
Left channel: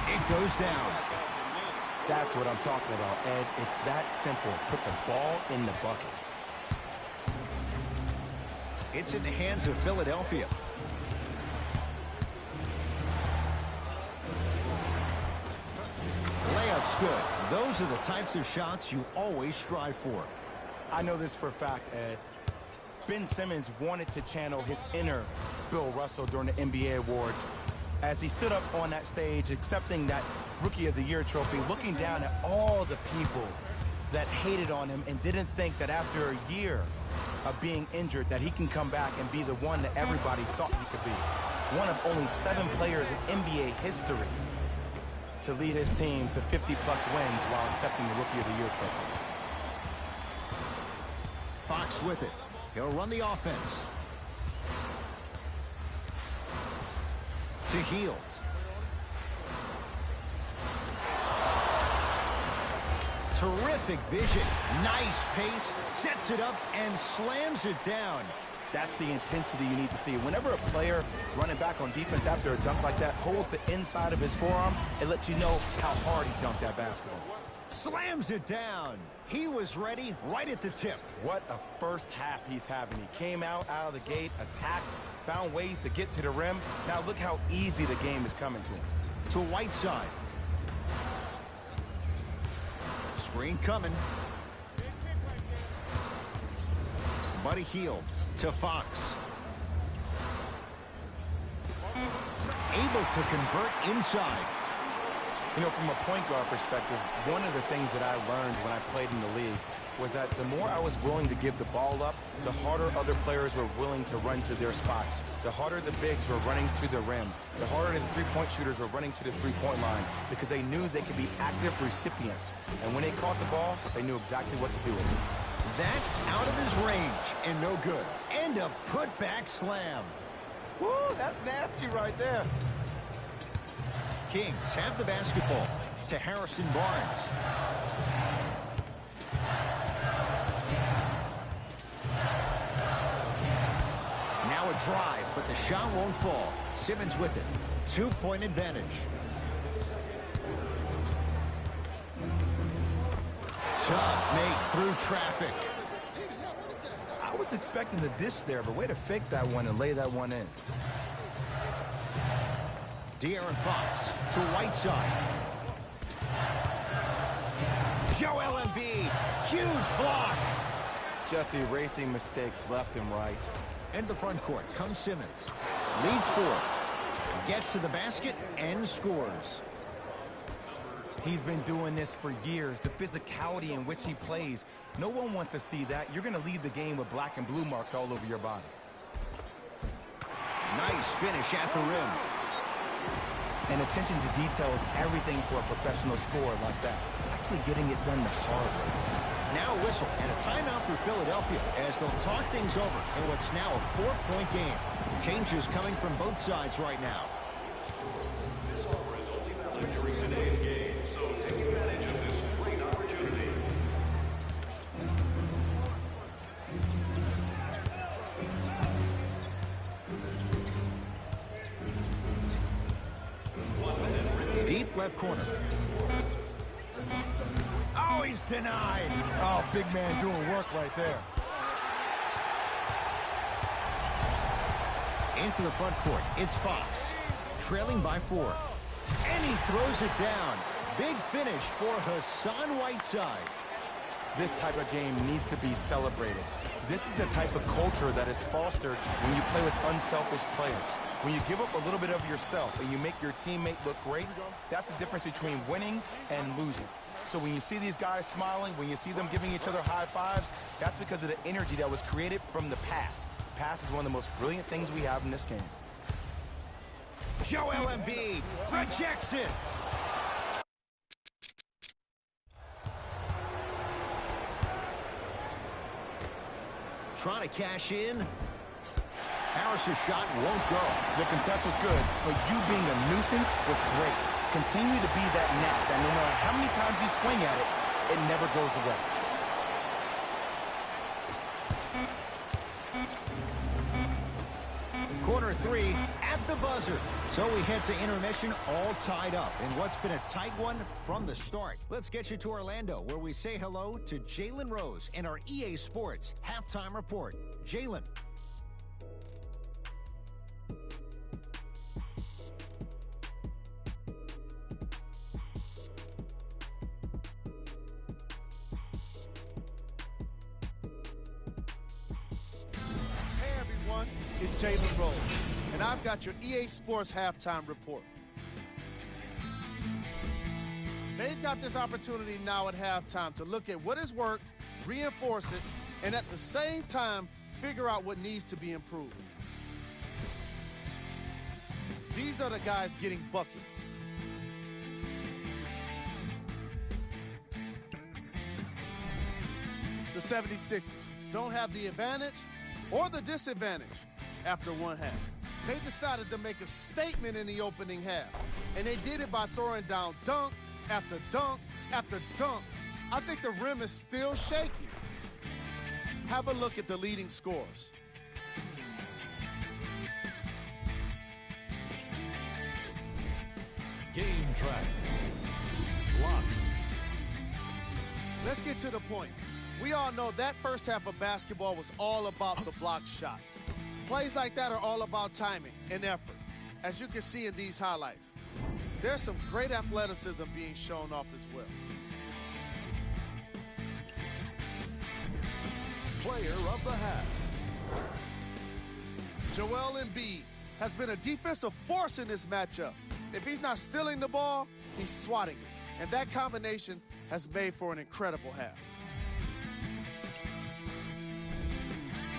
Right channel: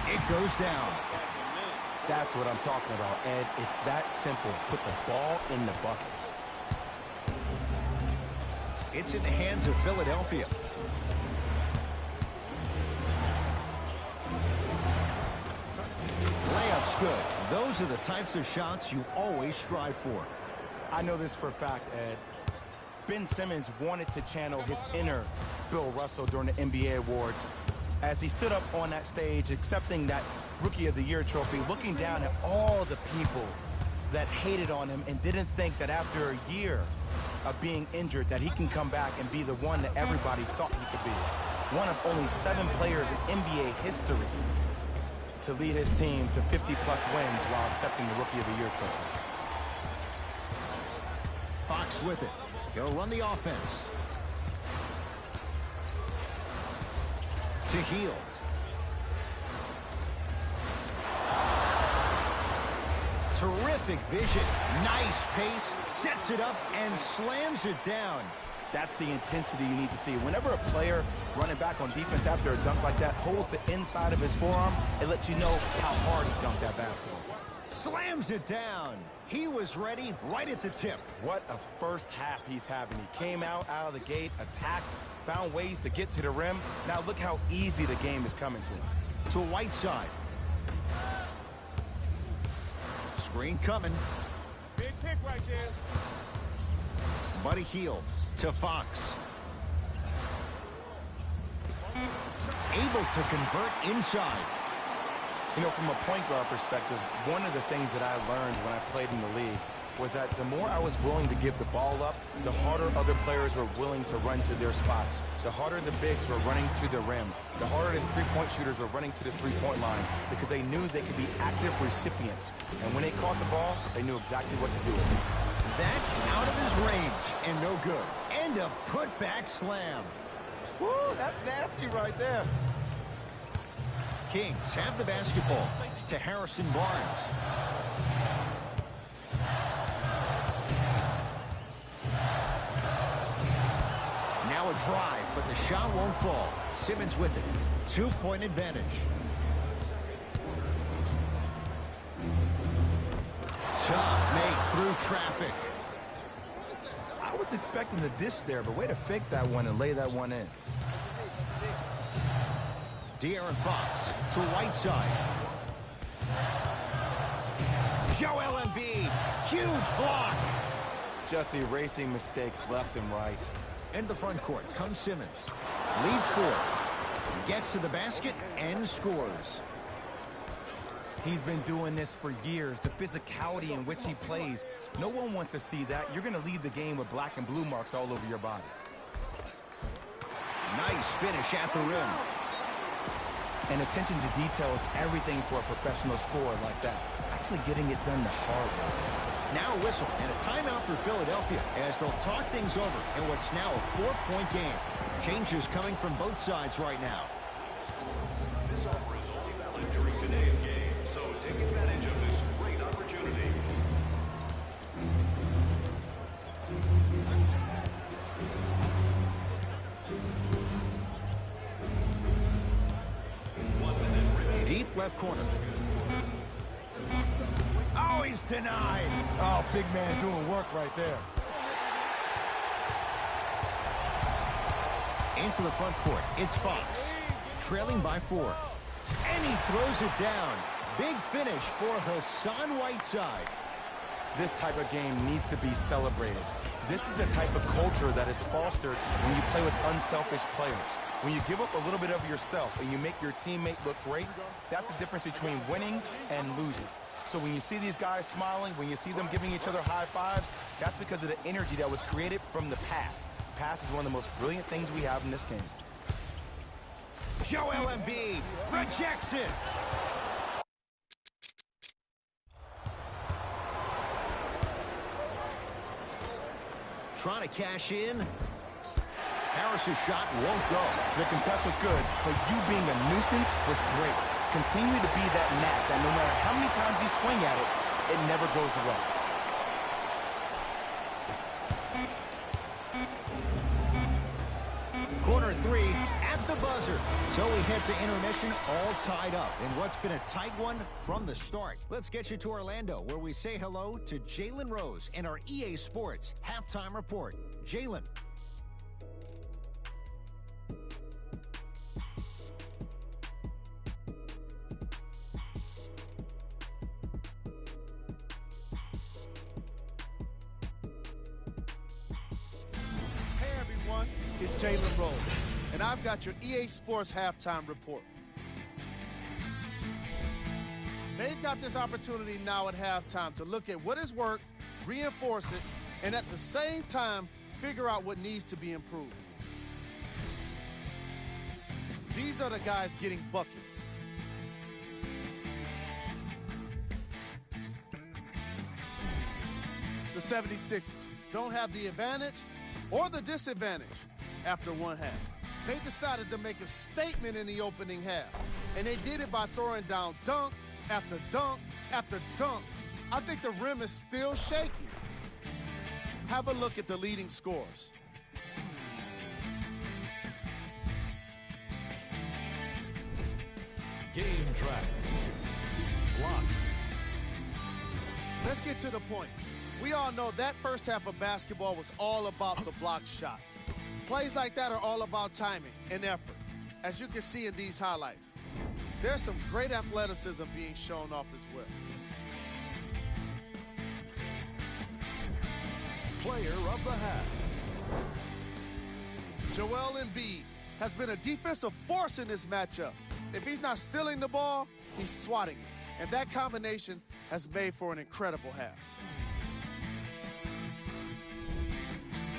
It goes down. That's what I'm talking about, Ed. It's that simple. Put the ball in the bucket. It's in the hands of Philadelphia. Layup's good. Those are the types of shots you always strive for. I know this for a fact, Ed. Ben Simmons wanted to channel his inner Bill Russell during the NBA awards as he stood up on that stage accepting that Rookie of the Year trophy, looking down at all the people that hated on him and didn't think that after a year of being injured that he can come back and be the one that everybody thought he could be. One of only 7 players in NBA history to lead his team to 50-plus wins while accepting the Rookie of the Year trophy. Fox with it. He'll run the offense. To Hield. Terrific vision. Nice pace. Sets it up and slams it down. That's the intensity you need to see. Whenever a player running back on defense after a dunk like that holds the inside of his forearm, it lets you know how hard he dunked that basketball. Slams it down. He was ready right at the tip. What a first half he's having. He came out of the gate, attacked, found ways to get to the rim. Now look how easy the game is coming to him. To Whiteside. Screen coming. Big pick right there. Buddy Hield to Fox. Able to convert inside. You know, from a point guard perspective, one of the things that I learned when I played in the league was that the more I was willing to give the ball up, the harder other players were willing to run to their spots. The harder the bigs were running to the rim. The harder the three-point shooters were running to the three-point line because they knew they could be active recipients. And when they caught the ball, they knew exactly what to do with it. That's out of his range and no good. And a putback slam. Woo, that's nasty right there. Kings have the basketball. to Harrison Barnes. Now a drive, but the shot won't fall. Simmons with it. 2-point advantage. Tough make through traffic. I was expecting the dish there, but way to fake that one and lay that one in. De'Aaron Fox to Whiteside. Joel Embiid, huge block. Just erasing mistakes left and right. In the front court comes Simmons. Leads 4. Gets to the basket and scores. He's been doing this for years. The physicality in which he plays. No one wants to see that. You're going to leave the game with black and blue marks all over your body. Nice finish at the rim. And attention to detail is everything for a professional scorer like that. Actually getting it done the hard way there. Now a whistle and a timeout for Philadelphia as they'll talk things over in what's now a 4-point game. Changes coming from both sides right now. This offer is only valid during today's game, so take advantage of this great opportunity. Deep left corner. Oh, he's denied. Oh, big man doing work right there. Into the front court, it's Fox. Trailing by 4. And he throws it down. Big finish for Hassan Whiteside. This type of game needs to be celebrated. This is the type of culture that is fostered when you play with unselfish players. When you give up a little bit of yourself and you make your teammate look great, that's the difference between winning and losing. So when you see these guys smiling, when you see them giving each other high fives, that's because of the energy that was created from the pass. Pass is one of the most brilliant things we have in this game. Joel Embiid rejects it. Trying to cash in. Harris's shot won't go. The contest was good, but you being a nuisance was great. Continue to be that gnat that no matter how many times you swing at it, it never goes away. Corner 3 at the buzzer. So we head to intermission all tied up in what's been a tight one from the start. Let's get you to Orlando, where we say hello to Jalen Rose in our EA Sports halftime report. Jalen. Hey everyone, it's Jalen Rose, and I've got your EA Sports halftime report. They've got this opportunity now at halftime to look at what has worked, reinforce it, and at the same time, figure out what needs to be improved. These are the guys getting buckets. The 76ers don't have the advantage or the disadvantage after one half. They decided to make a statement in the opening half, and they did it by throwing down dunk after dunk after dunk. I think the rim is still shaky. Have a look at the leading scores. Game track. Blocks. Let's get to the point. We all know that first half of basketball was all about the block shots. Plays like that are all about timing and effort, as you can see in these highlights. There's some great athleticism being shown off as well. Player of the half. Joel Embiid has been a defensive force in this matchup. If he's not stealing the ball, he's swatting it. And that combination has made for an incredible half.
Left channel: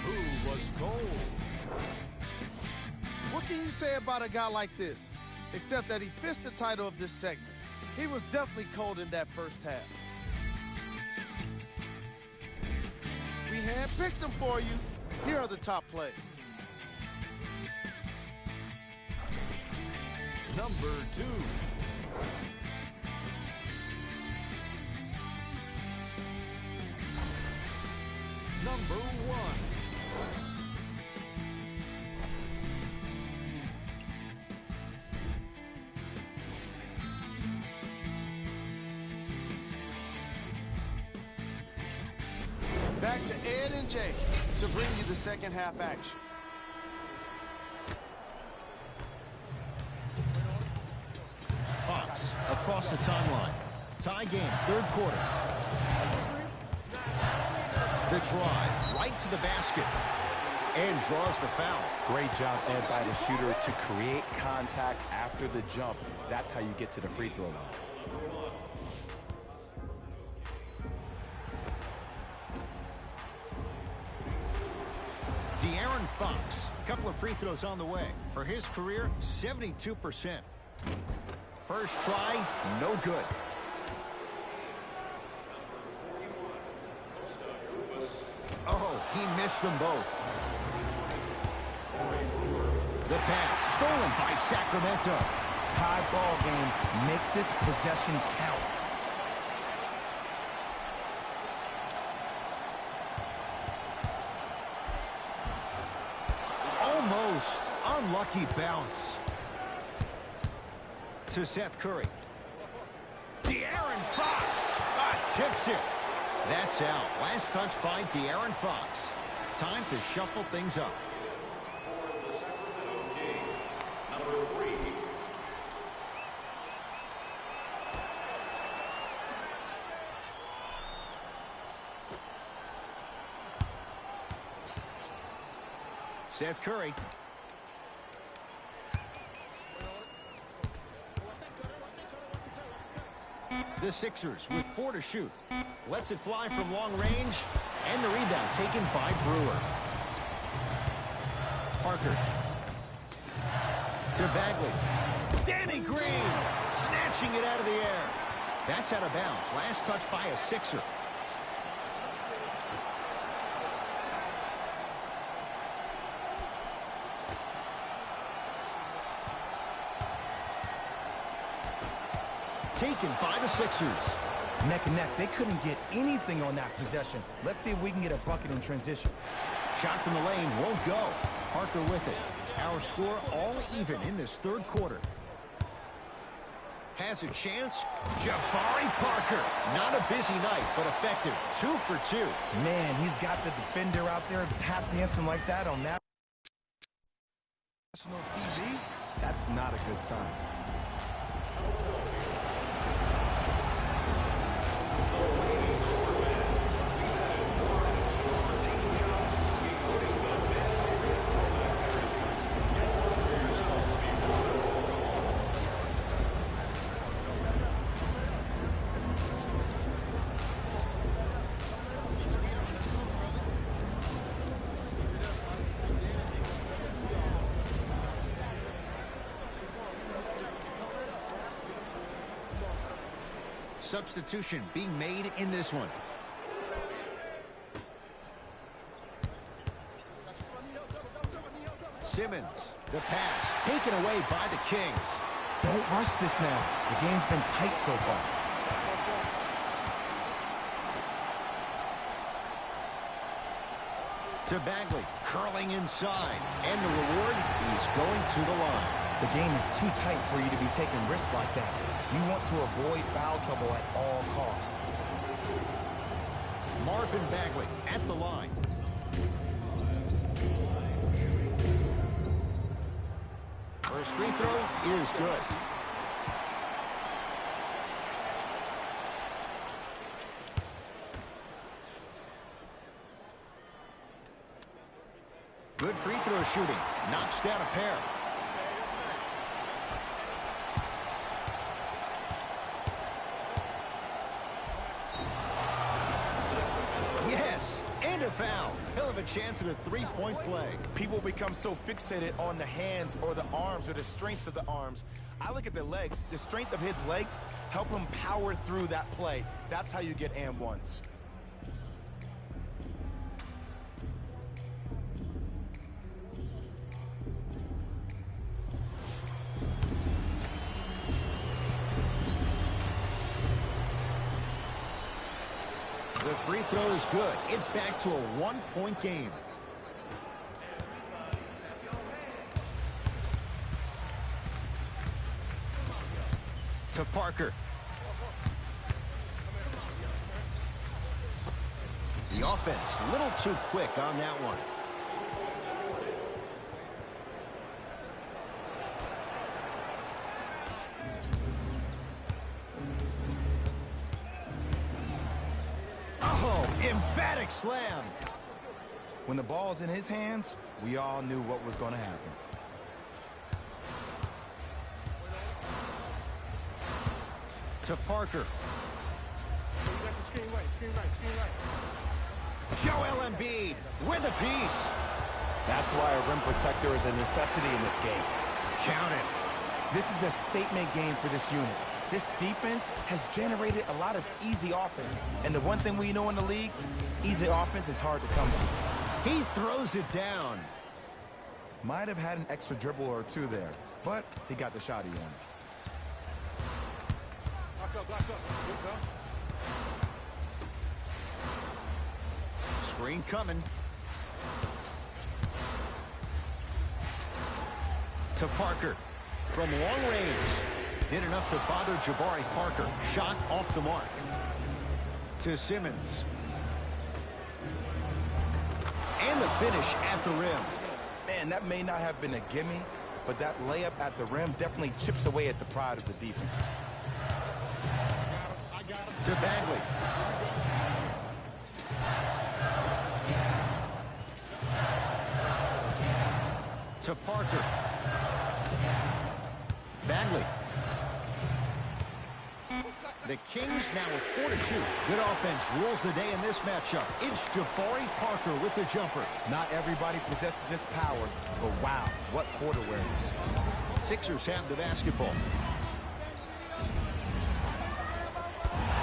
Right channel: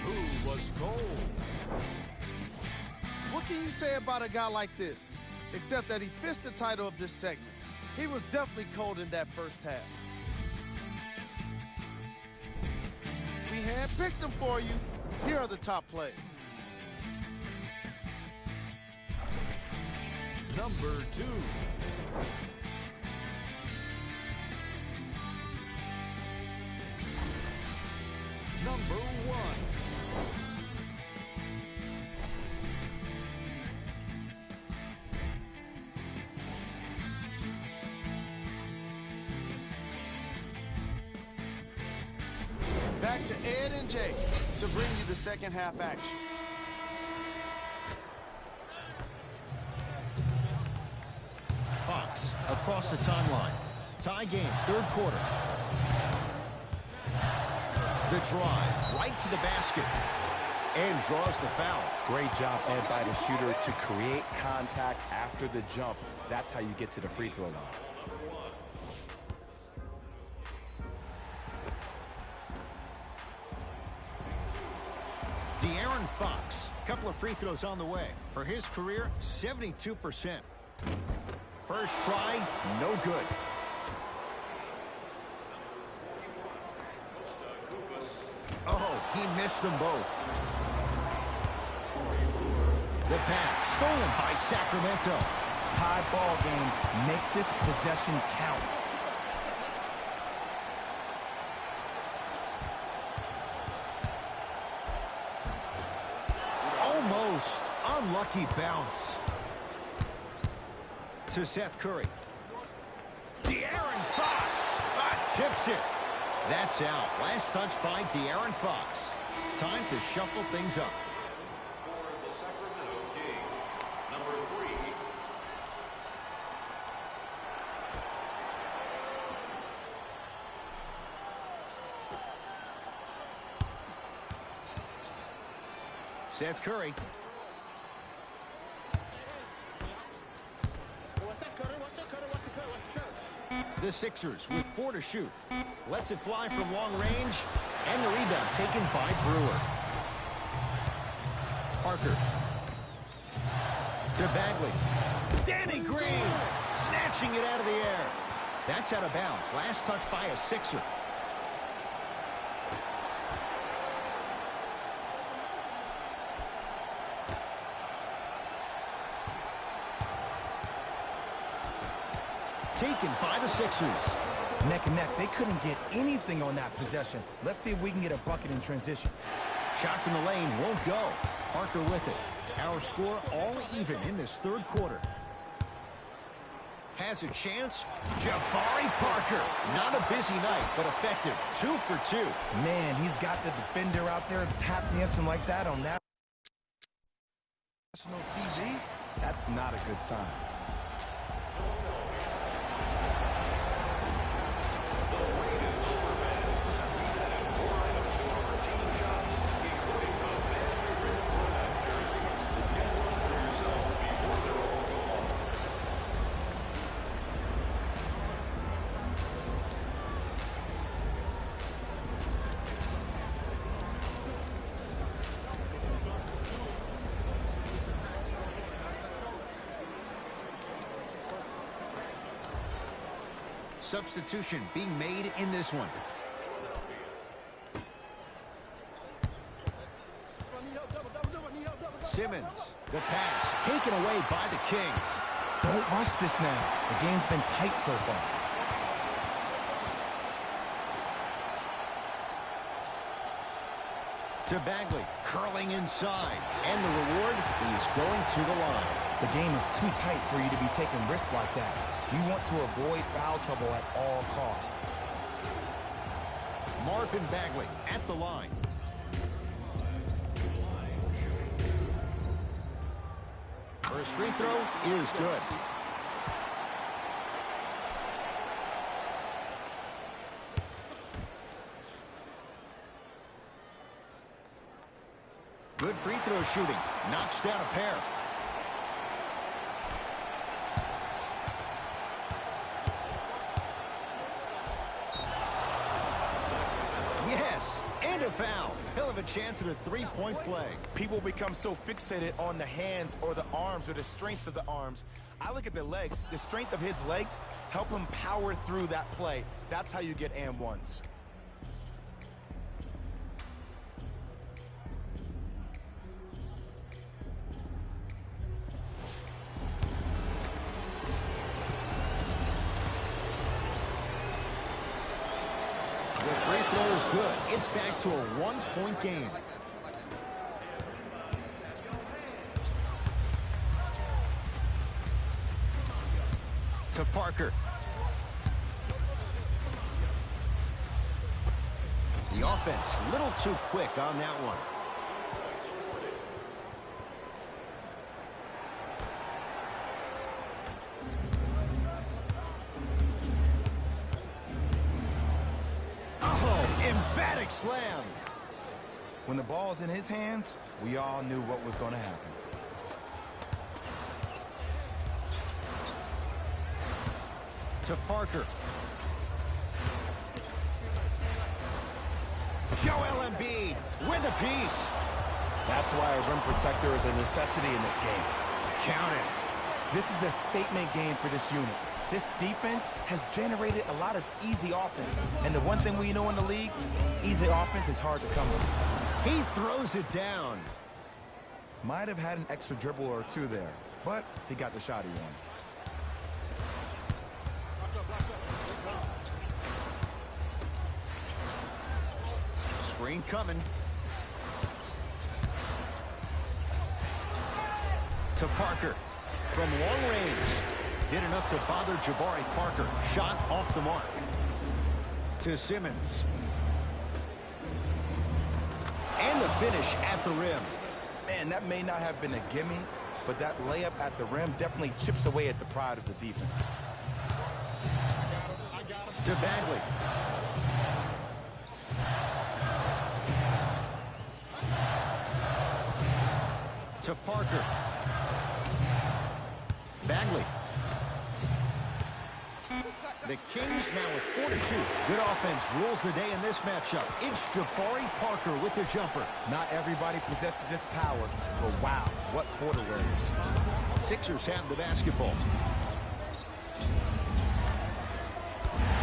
Who was cold? What can you say about a guy like this? Except that he fits the title of this segment. He was definitely cold in that first half. We handpicked them for you. Here are the top plays. Number 2. number 1. Back to Ed and Jay to bring you the second half action. Fox across the timeline. Tie game, third quarter. The drive, right to the basket. And draws the foul. Great job, Ed, by the shooter to create contact after the jump. That's how you get to the free throw line. De'Aaron Fox, couple of free throws on the way. For his career, 72%. First try, no good. Oh, he missed them both. The pass stolen by Sacramento. Tie ball game. Make this possession count. Almost unlucky bounce. To Seth Curry. De'Aaron Fox tips it. That's out. Last touch by De'Aaron Fox. Time to shuffle things up. For the Sacramento Kings, number 3. Seth Curry. The Sixers with 4 to shoot. Lets it fly from long range. And the rebound taken by Brewer. Parker. To Bagley. Danny Green snatching it out of the air. That's out of bounds. Last touch by a Sixer. Taken by the Sixers. Neck and neck. They couldn't get anything on that possession. Let's see if we can get a bucket in transition. Shot from the lane won't go. Parker with it. Our score all even in this third quarter. Has a chance. Jabari Parker. Not a busy night, but effective. 2 for 2. Man, he's got the defender out there tap dancing like that on national TV. That's not a good sign. The wait is over, fans. We've added more items to our team shops, including the fan favorite throwback jerseys. Get one for yourself before they're all gone. Substitution being made in this one. Simmons, the pass taken away by the Kings. Don't rush this now. The game's been tight so far. To Bagley, curling inside. And the reward, he's going to the line. The game is too tight for you to be taking risks like that. You want to avoid foul trouble at all costs. Marvin Bagley at the line. First free throw is good. Good free throw shooting. Knocks down a pair. Yes, and a foul. He'll have a chance at a three-point play. People become so fixated on the hands or the arms or the strengths of the arms. I look at the legs. The strength of his legs help him power through that play. That's how you get and ones. The free throw is good. It's back to a one-point game. To Parker. The offense, a little too quick on that one. Oh, emphatic slam. When the ball's in his hands, we all knew what was going to happen. To Parker. Screen right. Joel Embiid with a piece. That's why a rim protector is a necessity in this game. Count it. This is a statement game for this unit. This defense has generated a lot of easy offense. And the one thing we know in the league, easy offense is hard to come by. He throws it down. Might have had an extra dribble or two there, but he got the shot he wanted. Block up. Here we go. Screen coming. To Parker. From long range. Did enough to bother Jabari Parker. Shot off the mark. To Simmons. And the finish at the rim. Man, that may not have been a gimme, but that layup at the rim definitely chips away at the pride of the defense. I got him. To Bagley. To Parker. Bagley. The Kings now with 4 to shoot. Good offense rules the day in this matchup. It's Jabari Parker with the jumper. Not everybody possesses this power, but wow, what court awareness. Sixers have the basketball.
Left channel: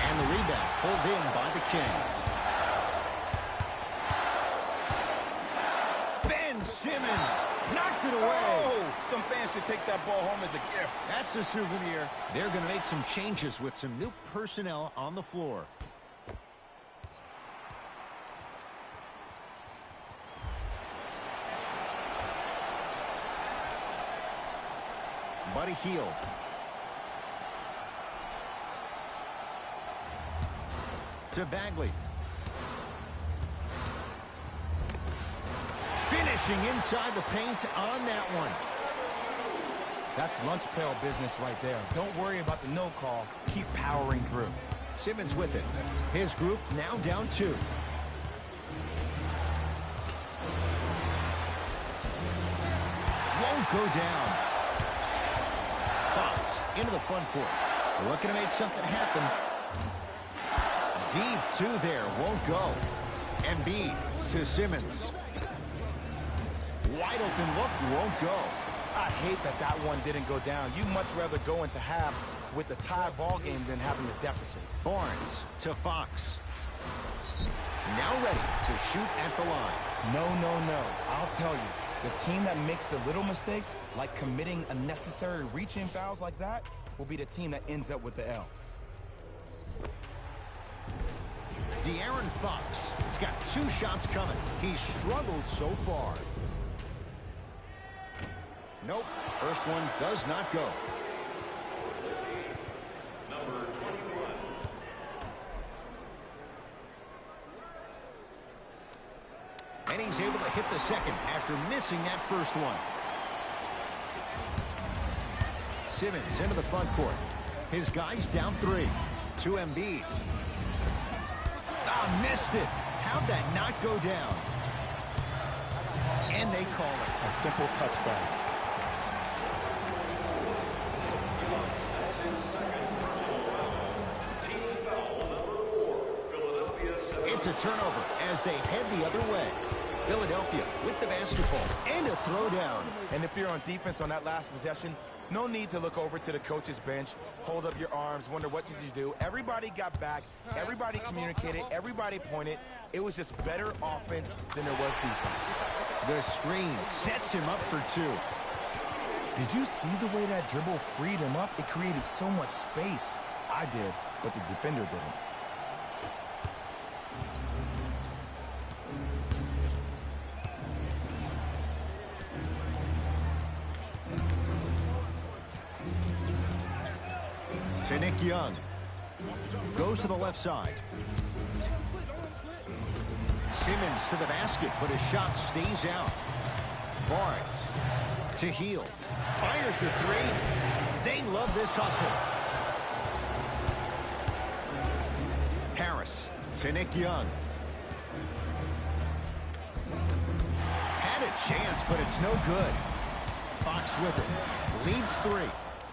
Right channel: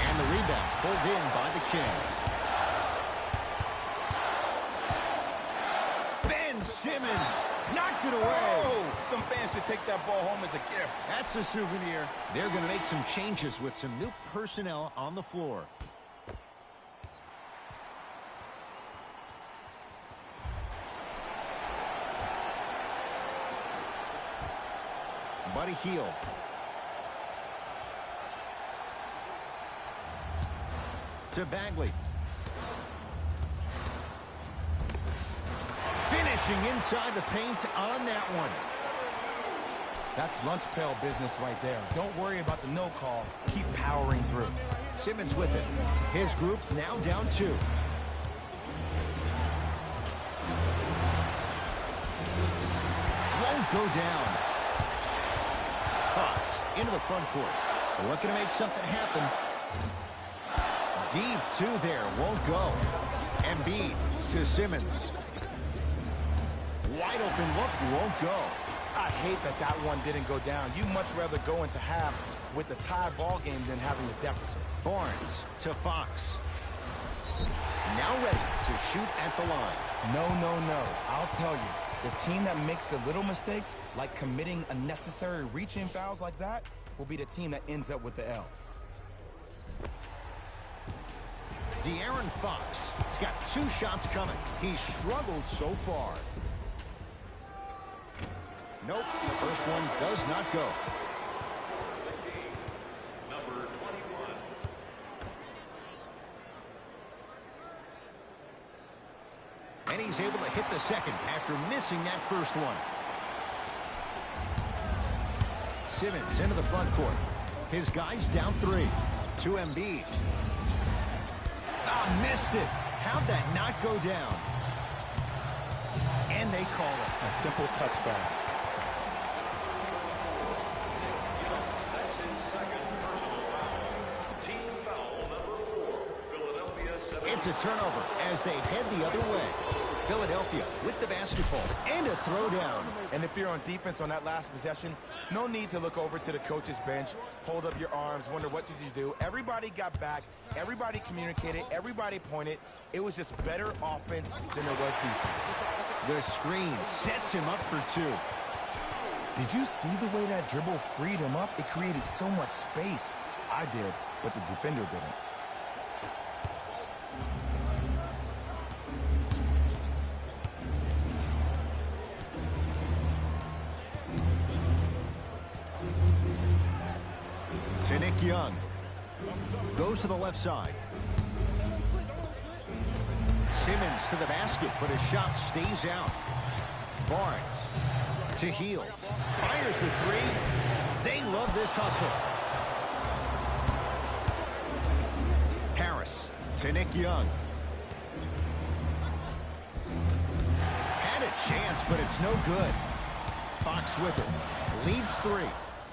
And the rebound pulled in by the Kings. Ben Simmons knocked it away. Oh, some fans should take that ball home as a gift. That's a souvenir. They're going to make some changes with some new personnel on the floor. Buddy Hield. To Bagley. Finishing inside the paint on that one. That's lunch pail business right there. Don't worry about the no call. Keep powering through. Simmons with it. His group now down 2. Won't go down. Fox into the front court. Looking to make something happen. Deep 2 there. Won't go. Embiid to Simmons. Wide open look. Won't go. I hate that that one didn't go down. You'd much rather go into half with a tie ball game than having a deficit. Barnes to Fox. Now ready to shoot at the line. No. I'll tell you, the team that makes the little mistakes, like committing unnecessary reach-in fouls like that, will be the team that ends up with the L. De'Aaron Fox has got 2 shots coming. He's struggled so far. Nope, first one does not go. Number 21. And he's able to hit the second after missing that first one. Simmons into the front court. His guys down 3. To Embiid. Ah, missed it. How'd that not go down? And they call it. A simple touch foul. That's his second personal foul. Team foul number 4. Philadelphia 7. It's a turnover as they head the other way. Philadelphia with the basketball and a throwdown. And if you're on defense on that last possession, no need to look over to the coach's bench, hold up your arms, wonder what did you do. Everybody got back, everybody communicated, everybody pointed. It was just better offense than there was defense. The screen sets him up for 2. Did you see the way that dribble freed him up? It created so much space. I did, but the defender didn't. to Nick Young. Goes to the left side. Simmons to the basket, but his shot stays out. Barnes to Hield. Fires the three. They love this hustle. Harris to Nick Young. Had a chance, but it's no good. Fox with it. Leads three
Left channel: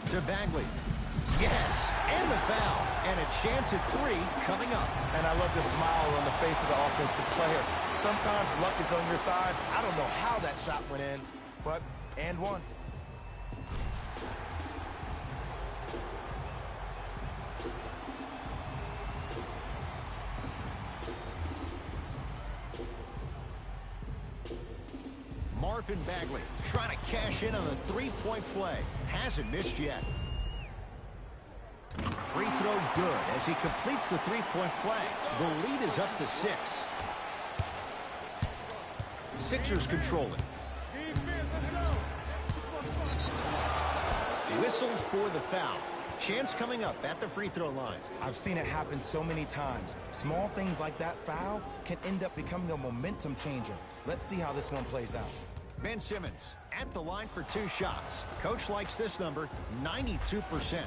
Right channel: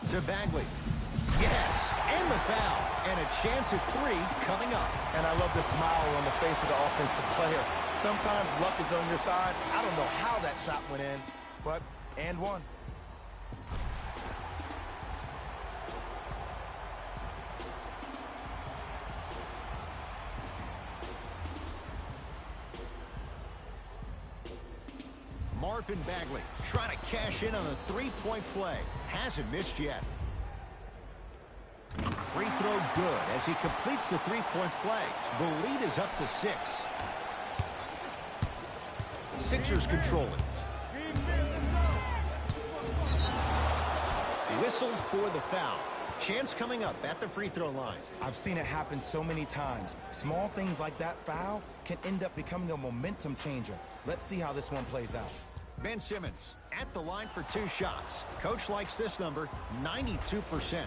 to Bagley. Yes, and the foul. And a chance at three coming up. And I love the smile on the face of the offensive player. Sometimes luck is on your side. I don't know how that shot went in, but and one. Marvin Bagley trying to cash in on the three-point play. Hasn't missed yet. Free throw good as he completes the three-point play. The lead is up to 6. Sixers control it. Whistled for the foul. Chance coming up at the free throw line. I've seen it happen so many times. Small things like that foul can end up becoming a momentum changer. Let's see how this one plays out. Ben Simmons at the line for 2 shots. Coach likes this number, 92%.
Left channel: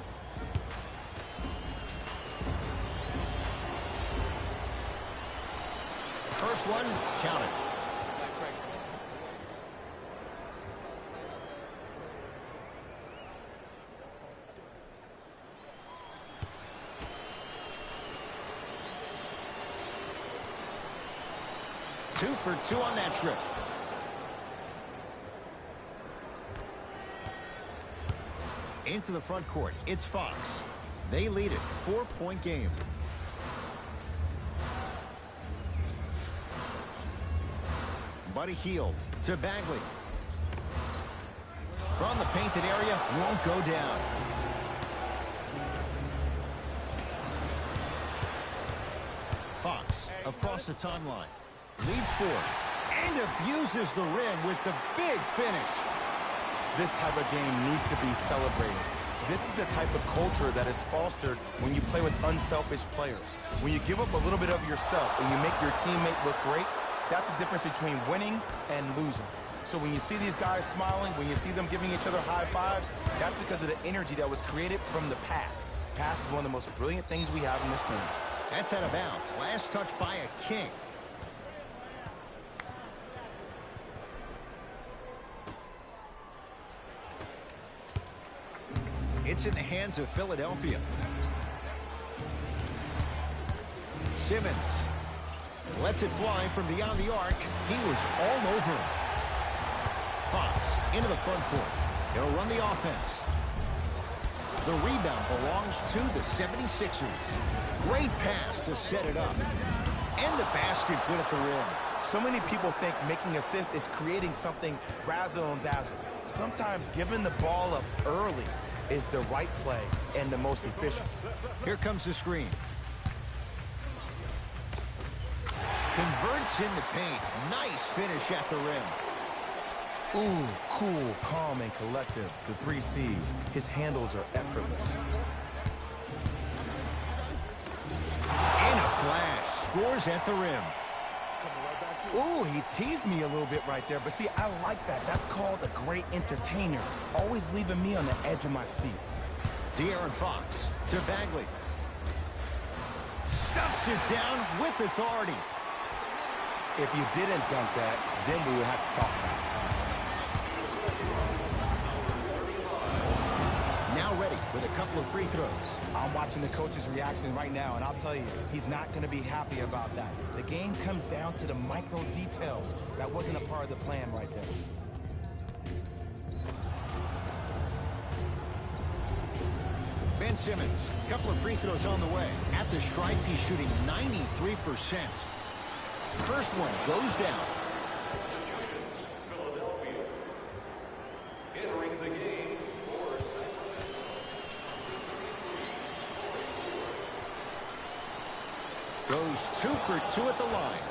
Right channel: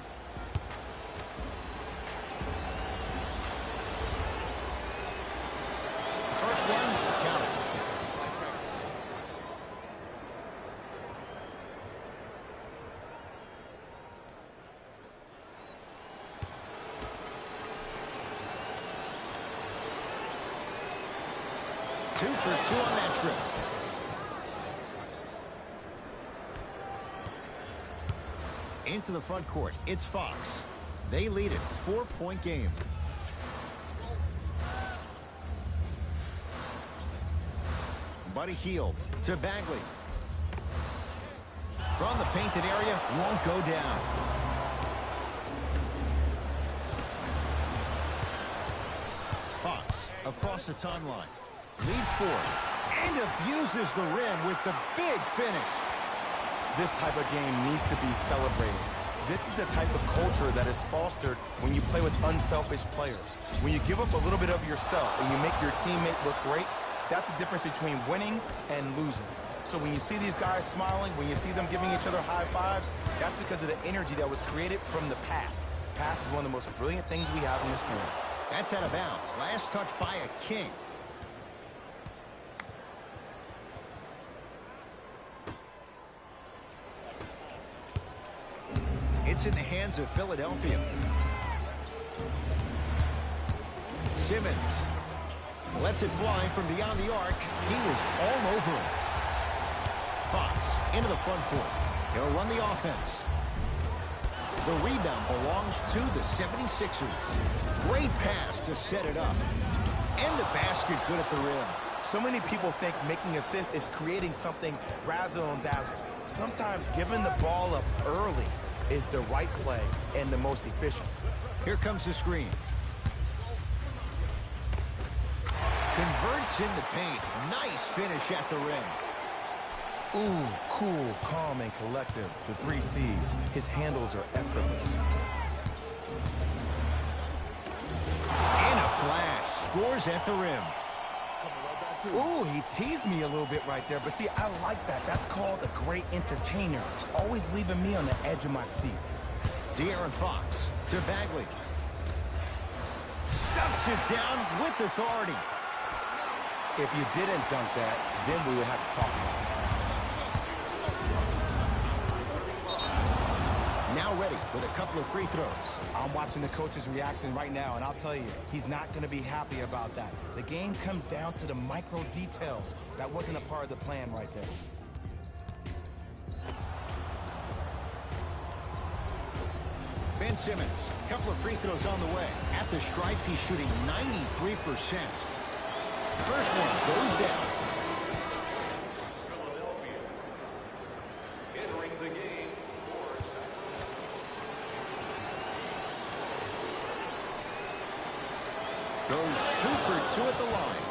First one, count it. 2 for 2 on that trip. Into the front court, it's Fox. They lead it, 4-point game. Buddy Hield to Bagley. From the painted area, won't go down. Fox across the timeline. Leads 4 and abuses the rim with the big finish. This type of game needs to be celebrated. This is the type of culture that is fostered when you play with unselfish players. When you give up a little bit of yourself and you make your teammate look great, that's the difference between winning and losing. So when you see these guys smiling, when you see them giving each other high fives, that's because of the energy that was created from the pass. Pass is one of the most brilliant things we have in this game. That's out of bounds. Last touch by a King. It's in the hands of Philadelphia. Simmons lets it fly from beyond the arc. He was all over him. Fox into the front court. He'll run the offense. The rebound belongs to the 76ers. Great pass to set it up. And the basket good at the rim. So many people think making assists is creating something razzle and dazzle. Sometimes giving the ball up early is the right play and the most efficient. Here comes the screen. Converts in the paint. Nice finish at the rim. Ooh, cool, calm, and collective. The 3 C's. His handles are effortless. And a flash. Scores at the rim. Ooh, he teased me a little bit right there. But see, I like that. That's called a great entertainer. Always leaving me on the edge of my seat. De'Aaron Fox to Bagley. Stuffs it down with authority. If you didn't dunk that, then we would have to talk about it. Now ready with a couple of free throws. I'm watching the coach's reaction right now, and I'll tell you, he's not going to be happy about that. The game comes down to the micro details. That wasn't a part of the plan right there. Ben Simmons, a couple of free throws on the way. At the stripe, he's shooting 93%. First one goes down. Philadelphia entering the game for Sacramento. Goes 2 for 2 at the line.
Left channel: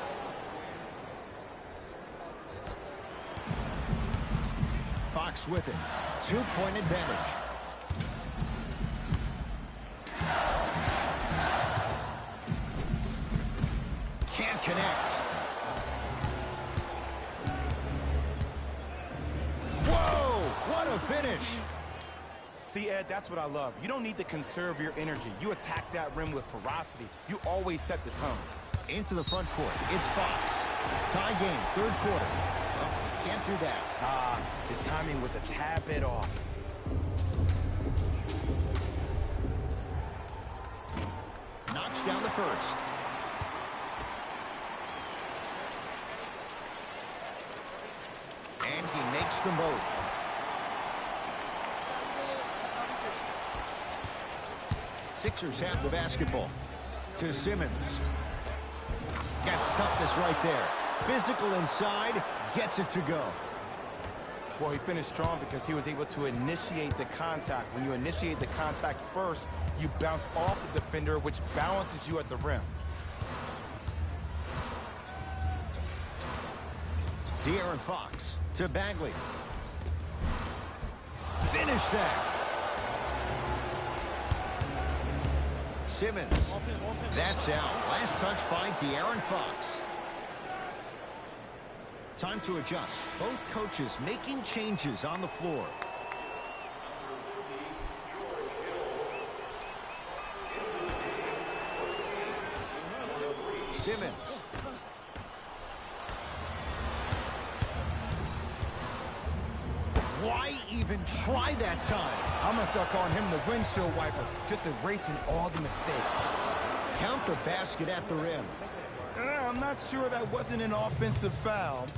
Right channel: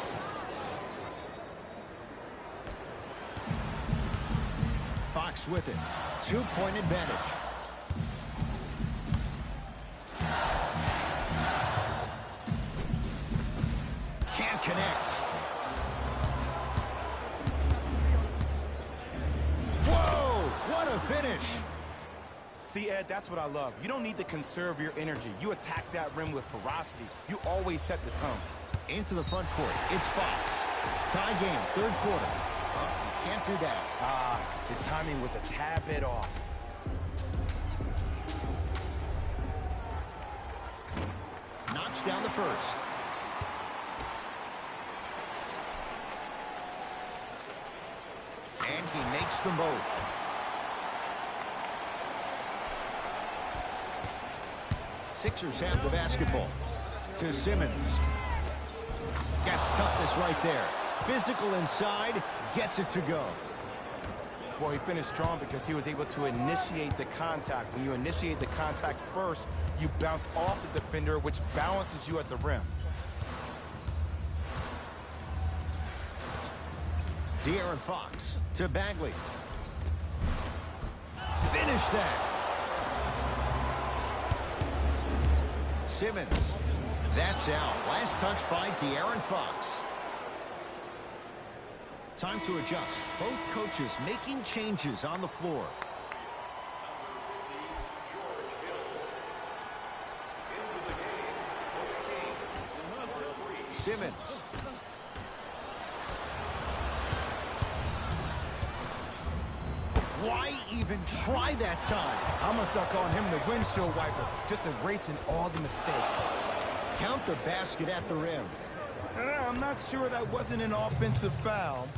Fox with it. 2-point advantage. Can't connect. Whoa! What a finish! See, Ed, that's what I love. You don't need to conserve your energy. You attack that rim with ferocity. You always set the tone. Into the front court, it's Fox. Tie game, third quarter. Well, can't do that. His timing was a tad bit off. Knocks down the first. And he makes them both. Sixers have the basketball. To Simmons. Gets toughness right there. Physical inside, gets it to go. Well, he finished strong because he was able to initiate the contact. When you initiate the contact first, you bounce off the defender, which balances you at the rim. De'Aaron Fox to Bagley. Finish that. Simmons. That's out. Last touch by De'Aaron Fox. Time to adjust. Both coaches making changes on the floor. Simmons. Why even try that time? I'm going to start calling him the windshield wiper, just erasing all the mistakes. Count the basket at the rim. I'm not sure that wasn't an offensive foul,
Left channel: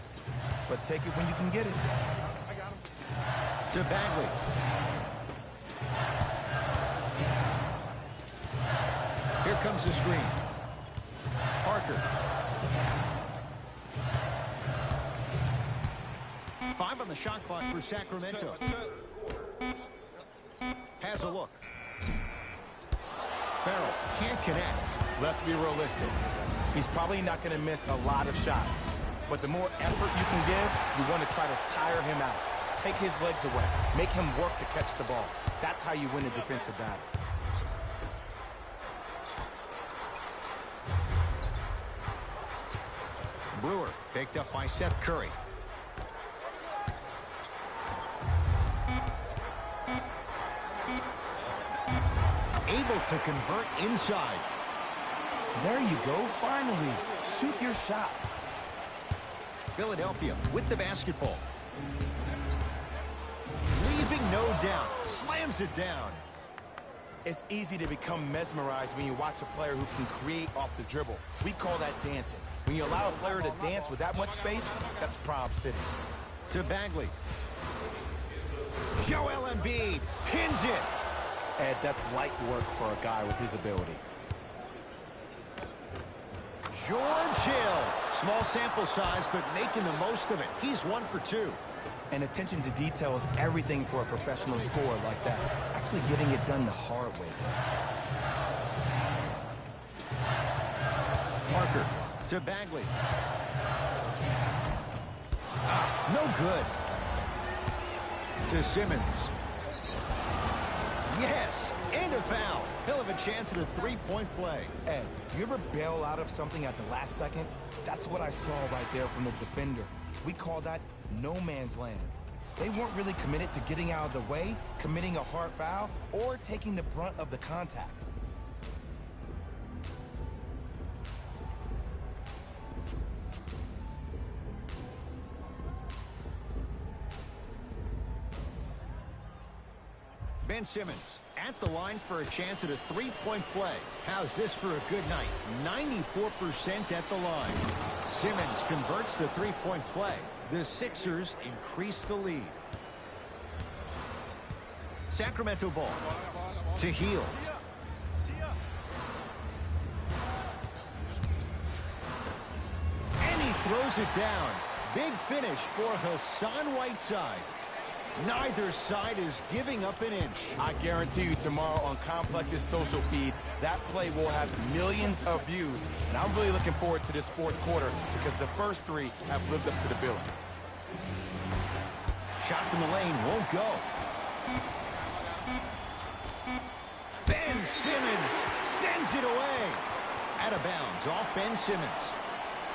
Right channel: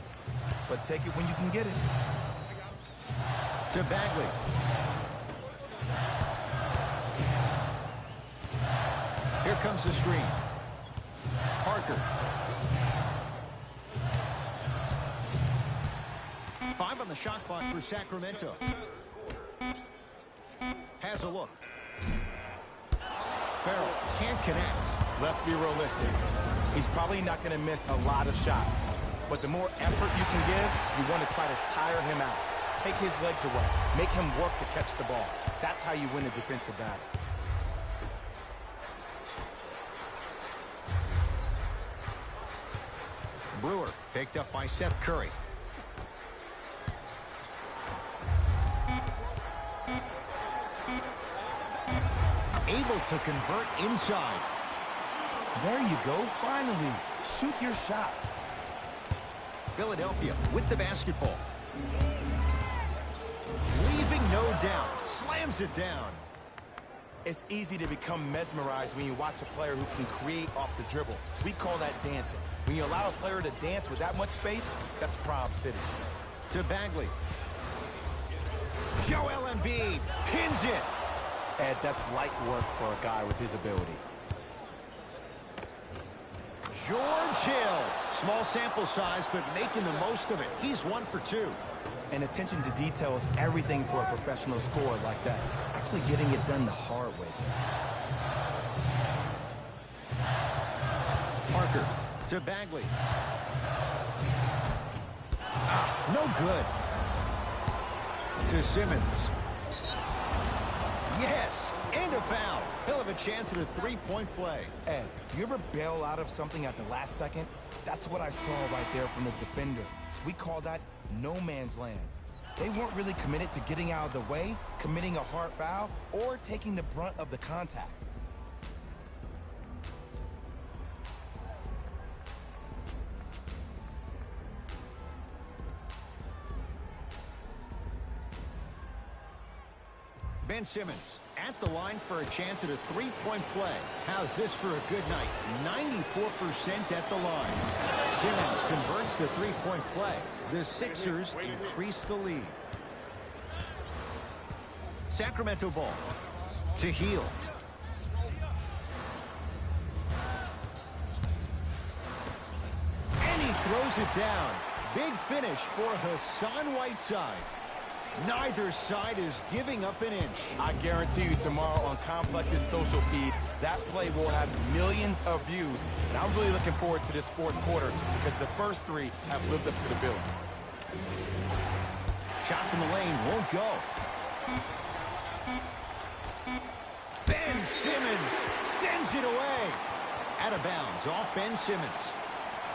but take it when you can get it. To Bagley. Here comes the screen. Parker. 5 on the shot clock for Sacramento. Has a look. Farrell can't connect. Let's be realistic. He's probably not going to miss a lot of shots. But the more effort you can give, you want to try to tire him out. Take his legs away. Make him work to catch the ball. That's how you win a defensive battle. Brewer picked up by Seth Curry. Able to convert inside. There you go, finally. Shoot your shot. Philadelphia with the basketball. Leaving no doubt. Slams it down. It's easy to become mesmerized when you watch a player who can create off the dribble. We call that dancing. When you allow a player to dance with that much space, that's Prob City. To Bagley. Joel Embiid pins it. Ed, that's light work for a guy with his ability. George Hill. Small sample size, but making the most of it. He's 1 for 2. And attention to detail is everything for a professional scorer like that. Actually getting it done the hard way there. Parker to Bagley. No good. To Simmons. Yes, and a foul. He'll have a chance at a three-point play. Ed, you ever bail out of something at the last second? That's what I saw right there from the defender. We call that no man's land. They weren't really committed to getting out of the way, committing a hard foul, or taking the brunt of the contact. Ben Simmons at the line for a chance at a three-point play. How's this for a good night? 94% at the line. Simmons converts the three-point play. The Sixers increase the lead. Sacramento ball to Hield. And he throws it down. Big finish for Hassan Whiteside. Neither side is giving up an inch. I guarantee you tomorrow on Complex's social feed, that play will have millions of views. And I'm really looking forward to this fourth quarter because the first three have lived up to the billing. Shot from the lane won't go. Ben Simmons sends it away. Out of bounds off Ben Simmons.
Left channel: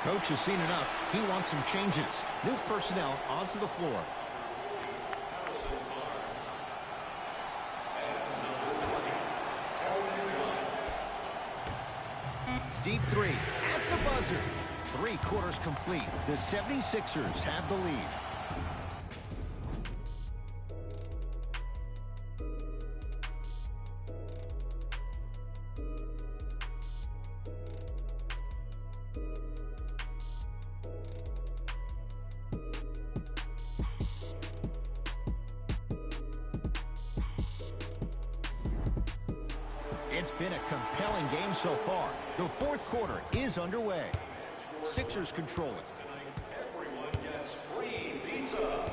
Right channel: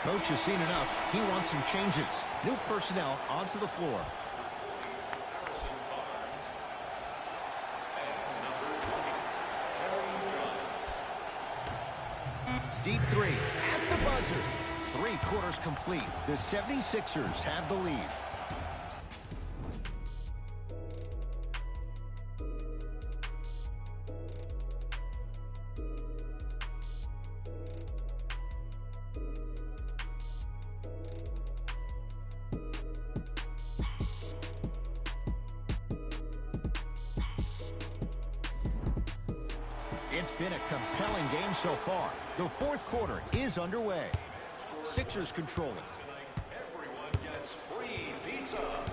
Coach has seen enough. He wants some changes. New personnel onto the floor. Harrison Barnes. And number 20, Harry Giles. Deep three at the buzzer. 3 quarters complete. The 76ers have the lead. It's been a compelling game so far. The fourth quarter is underway. Sixers control it. Tonight, everyone gets free pizza.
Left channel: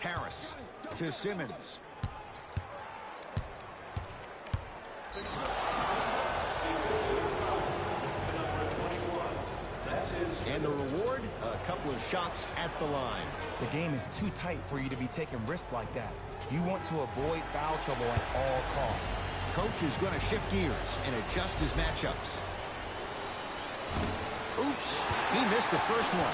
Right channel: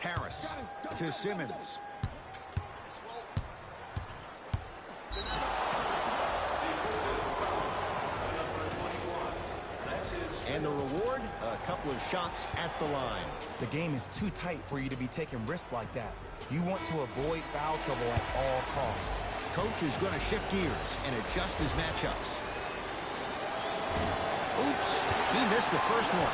Harris to Simmons. Defensive foul to number 21. That's his. And the reward, a couple of shots at the line. The game is too tight for you to be taking risks like that. You want to avoid foul trouble at all costs. Coach is going to shift gears and adjust his matchups. Oops, he missed the first one.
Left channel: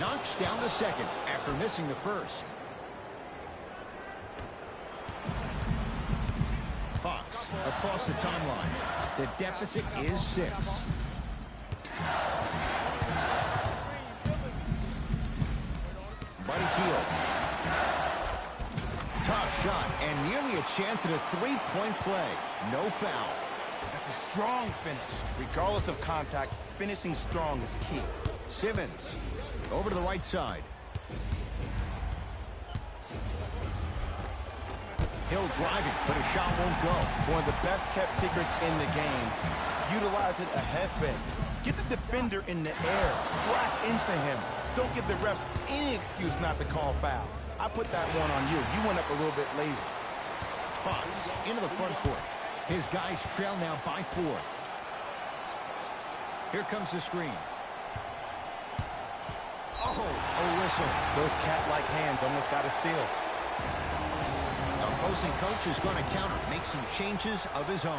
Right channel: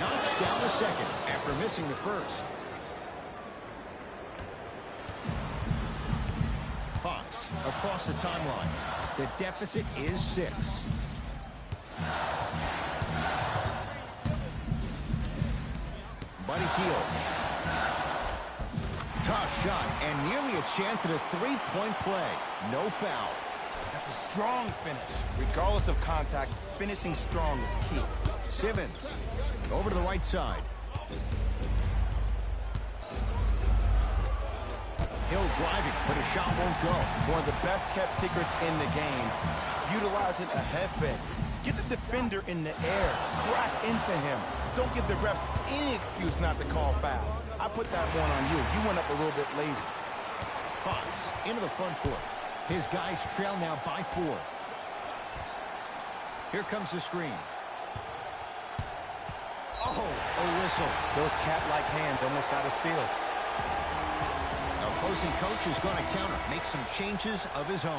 Knocks down the second after missing the first. Fox across the timeline. The deficit is 6. Buddy Hield. Tough shot and nearly a chance at a 3-point play. No foul. That's a strong finish. Regardless of contact, finishing strong is key. Simmons over to the right side. Hill driving, but his shot won't go. One of the best kept secrets in the game. Utilizing a head fake. Get the defender in the air. Crack into him. Don't give the refs any excuse not to call foul. I put that one on you. You went up a little bit lazy. Fox into the front court. His guys trail now by 4. Here comes the screen. Oh, a whistle. Those cat-like hands almost got a steal. Opposing coach is going to counter, make some changes of his own.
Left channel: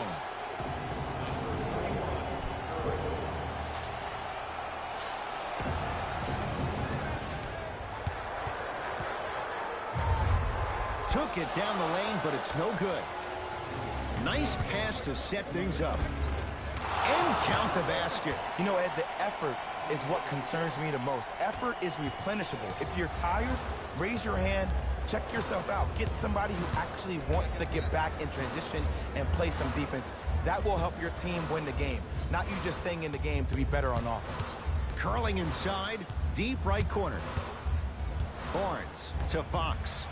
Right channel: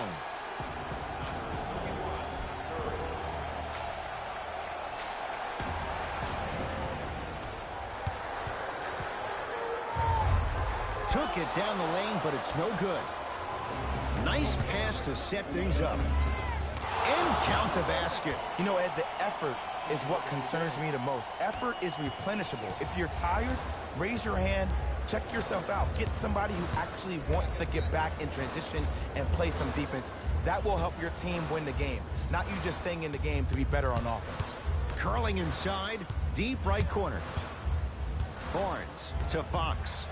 Took it down the lane, but it's no good. Nice pass to set things up. And count the basket. You know, Ed, the effort is what concerns me the most. Effort is replenishable. If you're tired, raise your hand, check yourself out. Get somebody who actually wants to get back in transition and play some defense. That will help your team win the game, not you just staying in the game to be better on offense. Curling inside, deep right corner. Barnes to Fox.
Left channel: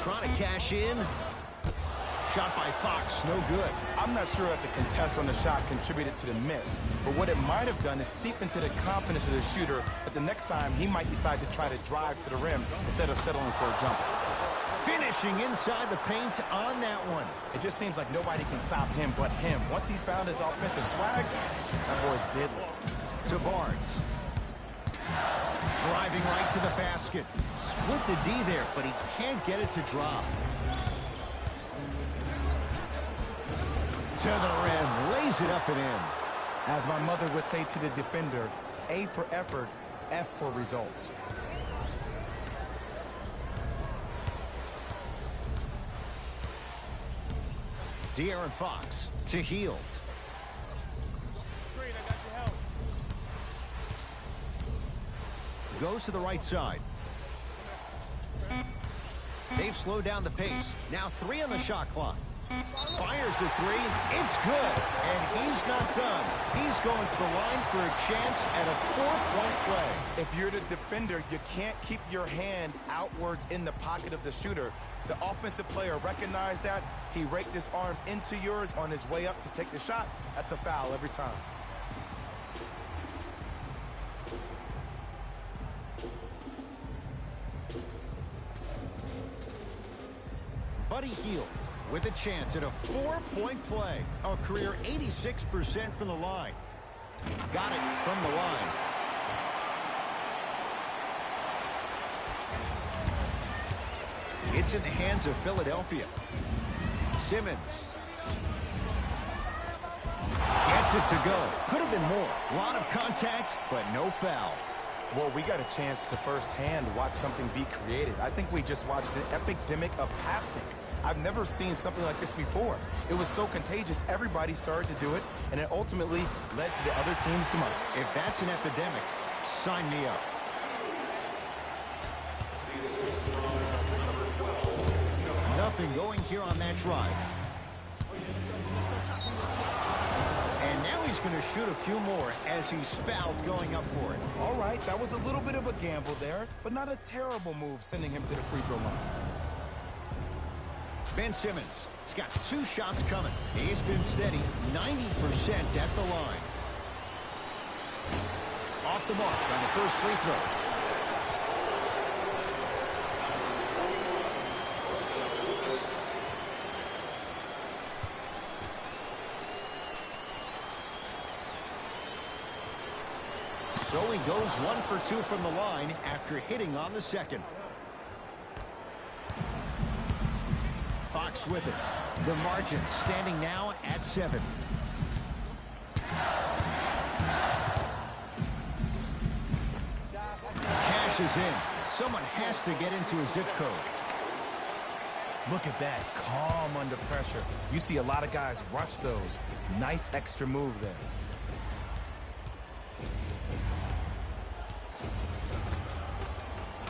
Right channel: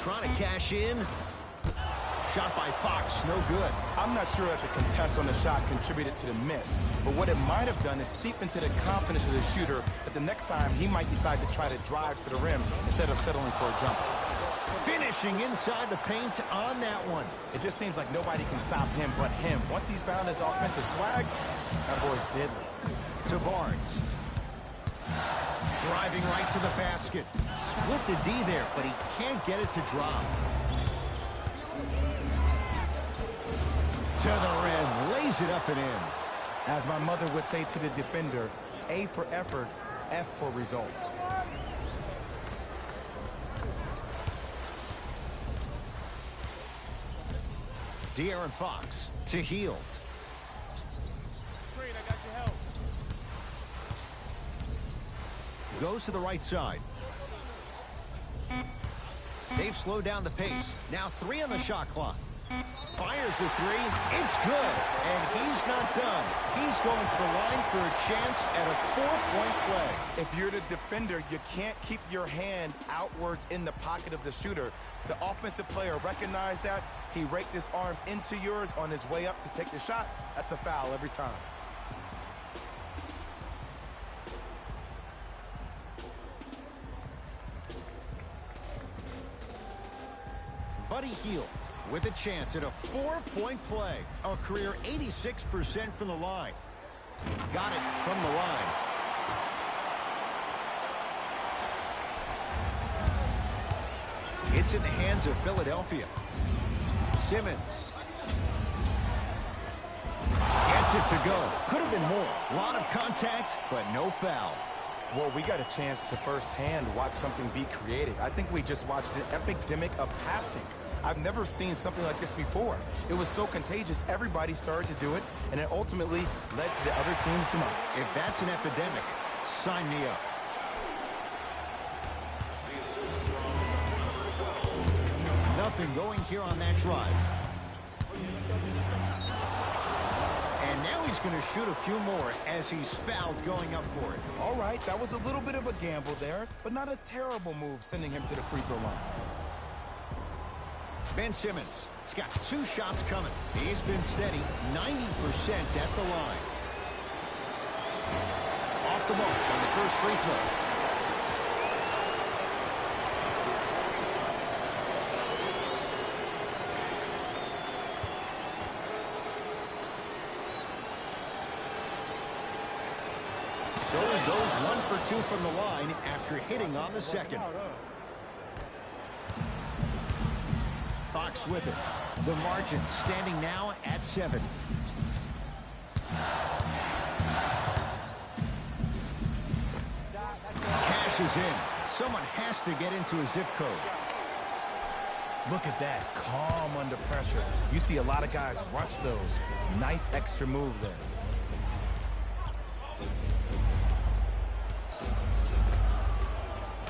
Trying to cash in. Shot by Fox, no good. I'm not sure that the contest on the shot contributed to the miss, but what it might have done is seep into the confidence of the shooter that the next time he might decide to try to drive to the rim instead of settling for a jumper. Finishing inside the paint on that one. It just seems like nobody can stop him but him. Once he's found his offensive swag, that boy's deadly. To Barnes. Driving right to the basket. Split the D there, but he can't get it to drop. To the rim, lays it up and in. As my mother would say to the defender, A for effort, F for results. De'Aaron Fox to Hield. Screen, I got your help. Goes to the right side. They've slowed down the pace. Now 3 on the shot clock. Fires the 3. It's good. And he's not done. He's going to the line for a chance at a 4-point play. If you're the defender, you can't keep your hand outwards in the pocket of the shooter. The offensive player recognized that. He raked his arms into yours on his way up to take the shot. That's a foul every time. Buddy Hield with a chance at a 4-point play. A career 86% from the line. Got it from the line. It's in the hands of Philadelphia. Simmons. Gets it to go. Could have been more. A lot of contact, but no foul. Well, we got a chance to firsthand watch something be created. I think we just watched an epidemic of passing. I've never seen something like this before. It was so contagious, everybody started to do it, and it ultimately led to the other team's demise. If that's an epidemic, sign me up. Nothing going here on that drive. And now he's going to shoot a few more as he's fouled going up for it. All right, that was a little bit of a gamble there, but not a terrible move sending him to the free throw line. Ben Simmons has got 2 shots coming. He's been steady, 90% at the line. Off the mark on the first free throw. So he goes 1 for 2 from the line after hitting on the second. Fox with it. The margin standing now at 7. Cashes in. Someone has to get into a zip code. Look at that, calm under pressure. You see a lot of guys rush those. Nice extra move there.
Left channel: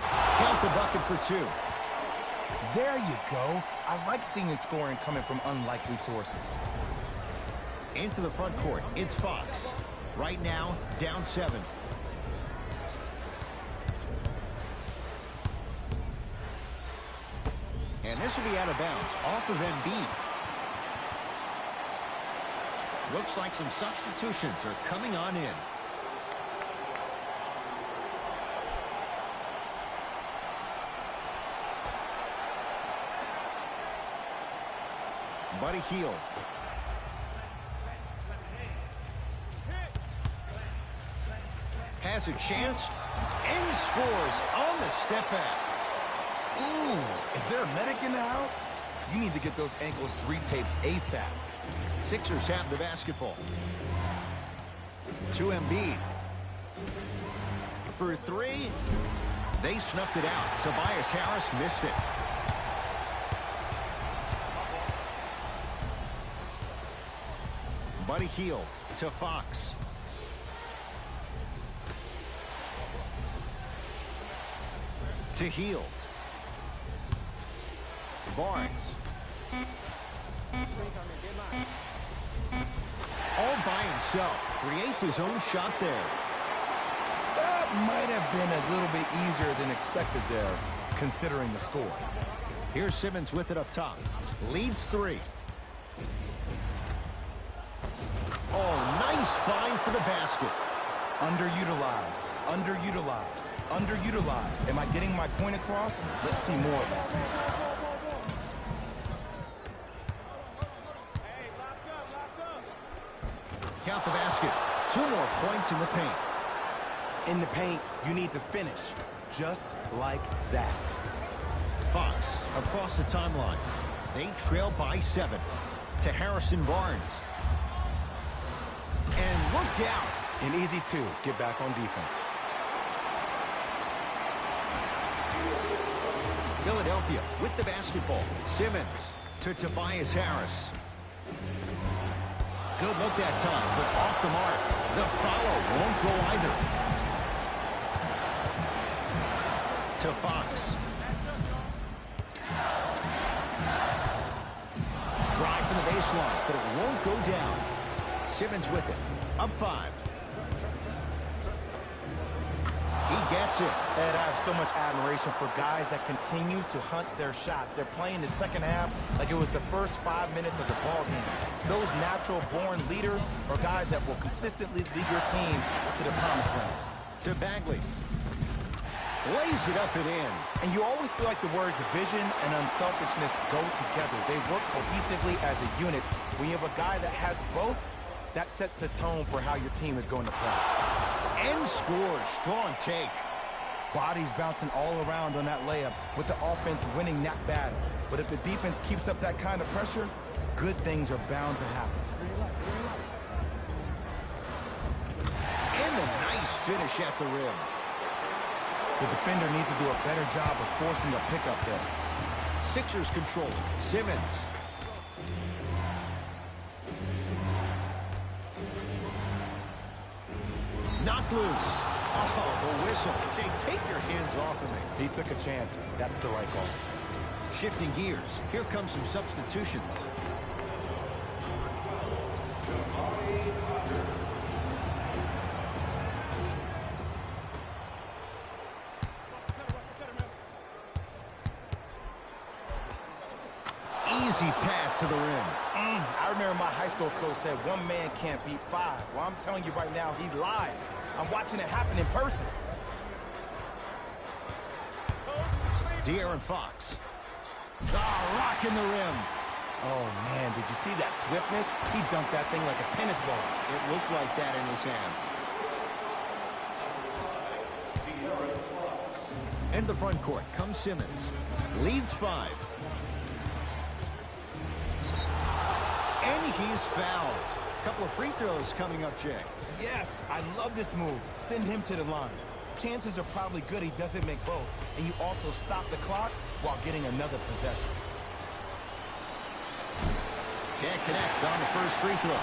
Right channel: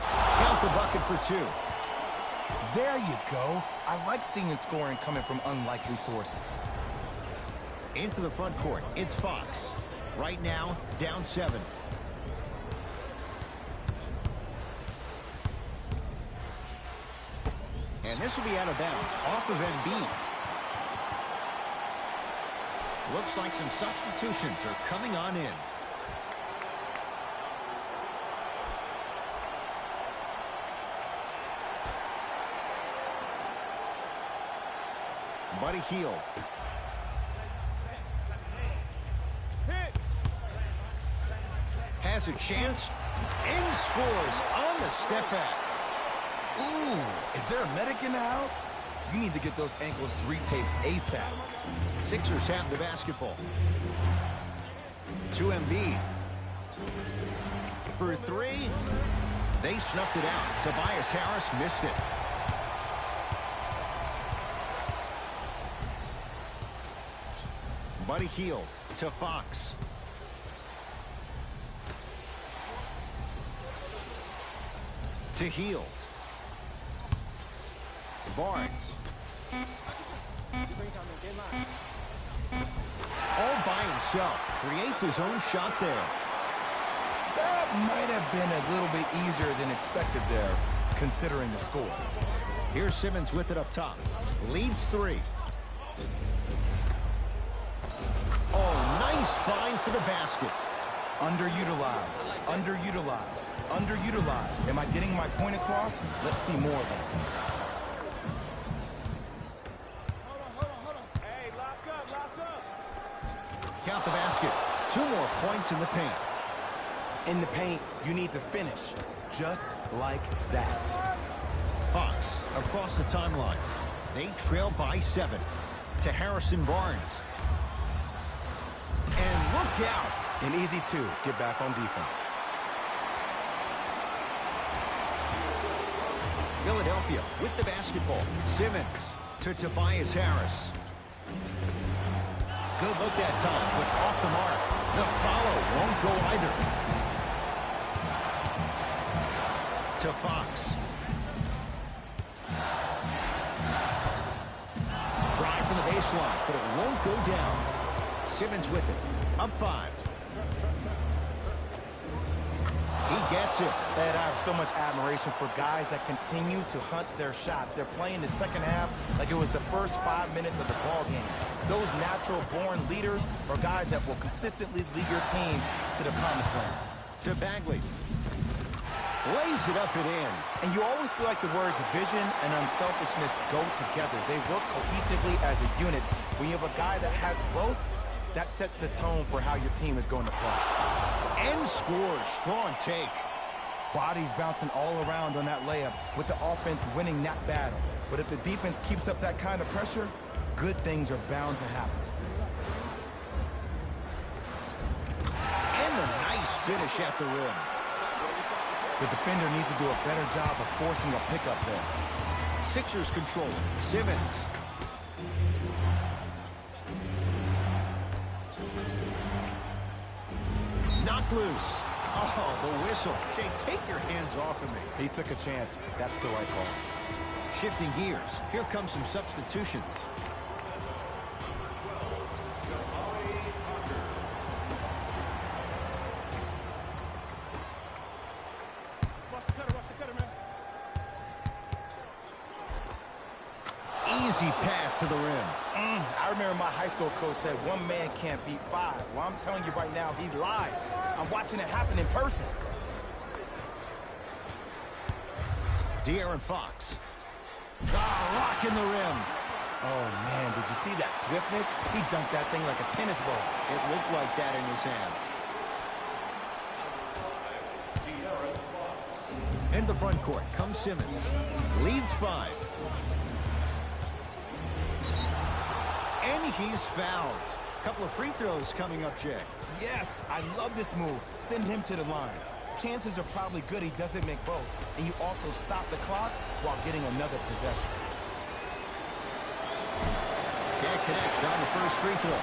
Count the bucket for 2. There you go. I like seeing scoring coming from unlikely sources. Into the front court, it's Fox. Right now, down 7. And this will be out of bounds, off of Embiid. Looks like some substitutions are coming on in. Buddy Hield. Has a chance and scores on the step back. Ooh, is there a medic in the house? You need to get those ankles retaped ASAP. Sixers have the basketball. To Embiid. For 3. They snuffed it out. Tobias Harris missed it. Buddy Hield to Fox. To Hield. Barnes. All by himself. Creates his own shot there. That might have been a little bit easier than expected there, considering the score. Here's Simmons with it up top. Leads 3. Oh, nice find for the basket. Underutilized, underutilized, underutilized. Am I getting my point across? Let's see more of that. Hey, lock up. Count the basket. 2 more points in the paint. In the paint, you need to finish. Just like that. Fox across the timeline. They trail by 7. To Harrison Barnes. And look out. An easy 2. Get back on defense. Philadelphia with the basketball. Simmons to Tobias Harris. Good look that time, but off the mark. The follow won't go either. To Fox. Drive from the baseline, but it won't go down. Simmons with it. Up 5. He gets it. Ed, I have so much admiration for guys that continue to hunt their shot. They're playing the second half like it was the first 5 minutes of the ball game. Those natural-born leaders are guys that will consistently lead your team to the promised land. To Bagley. Lays it up and in. And you always feel like the words vision and unselfishness go together. They work cohesively as a unit. When you have a guy that has both, That sets the tone for how your team is going to play. And scores. Strong take. Bodies bouncing all around on that layup with the offense winning that battle. But if the defense keeps up that kind of pressure, good things are bound to happen. And a nice finish at the rim. The defender needs to do a better job of forcing a pickup there. Sixers control it. Simmons. Knocked loose. Oh, the whistle. Jay, take your hands off of me. He took a chance. That's the right call. Shifting gears. Here come some substitutions. Easy path to the rim. I remember my high school coach said one man can't beat five. Well, I'm telling you right now, he lied. I'm watching it happen in person. De'Aaron Fox. Rocking the rim. Oh, man, did you see that swiftness? He dunked that thing like a tennis ball. It looked like that in his hand. In the front court comes Simmons. Leads 5. And he's fouled. Couple of free throws coming up, Jay. Yes, I love this move. Send him to the line. Chances are probably good he doesn't make both. And you also stop the clock while getting another possession. Can't connect on the first free throw.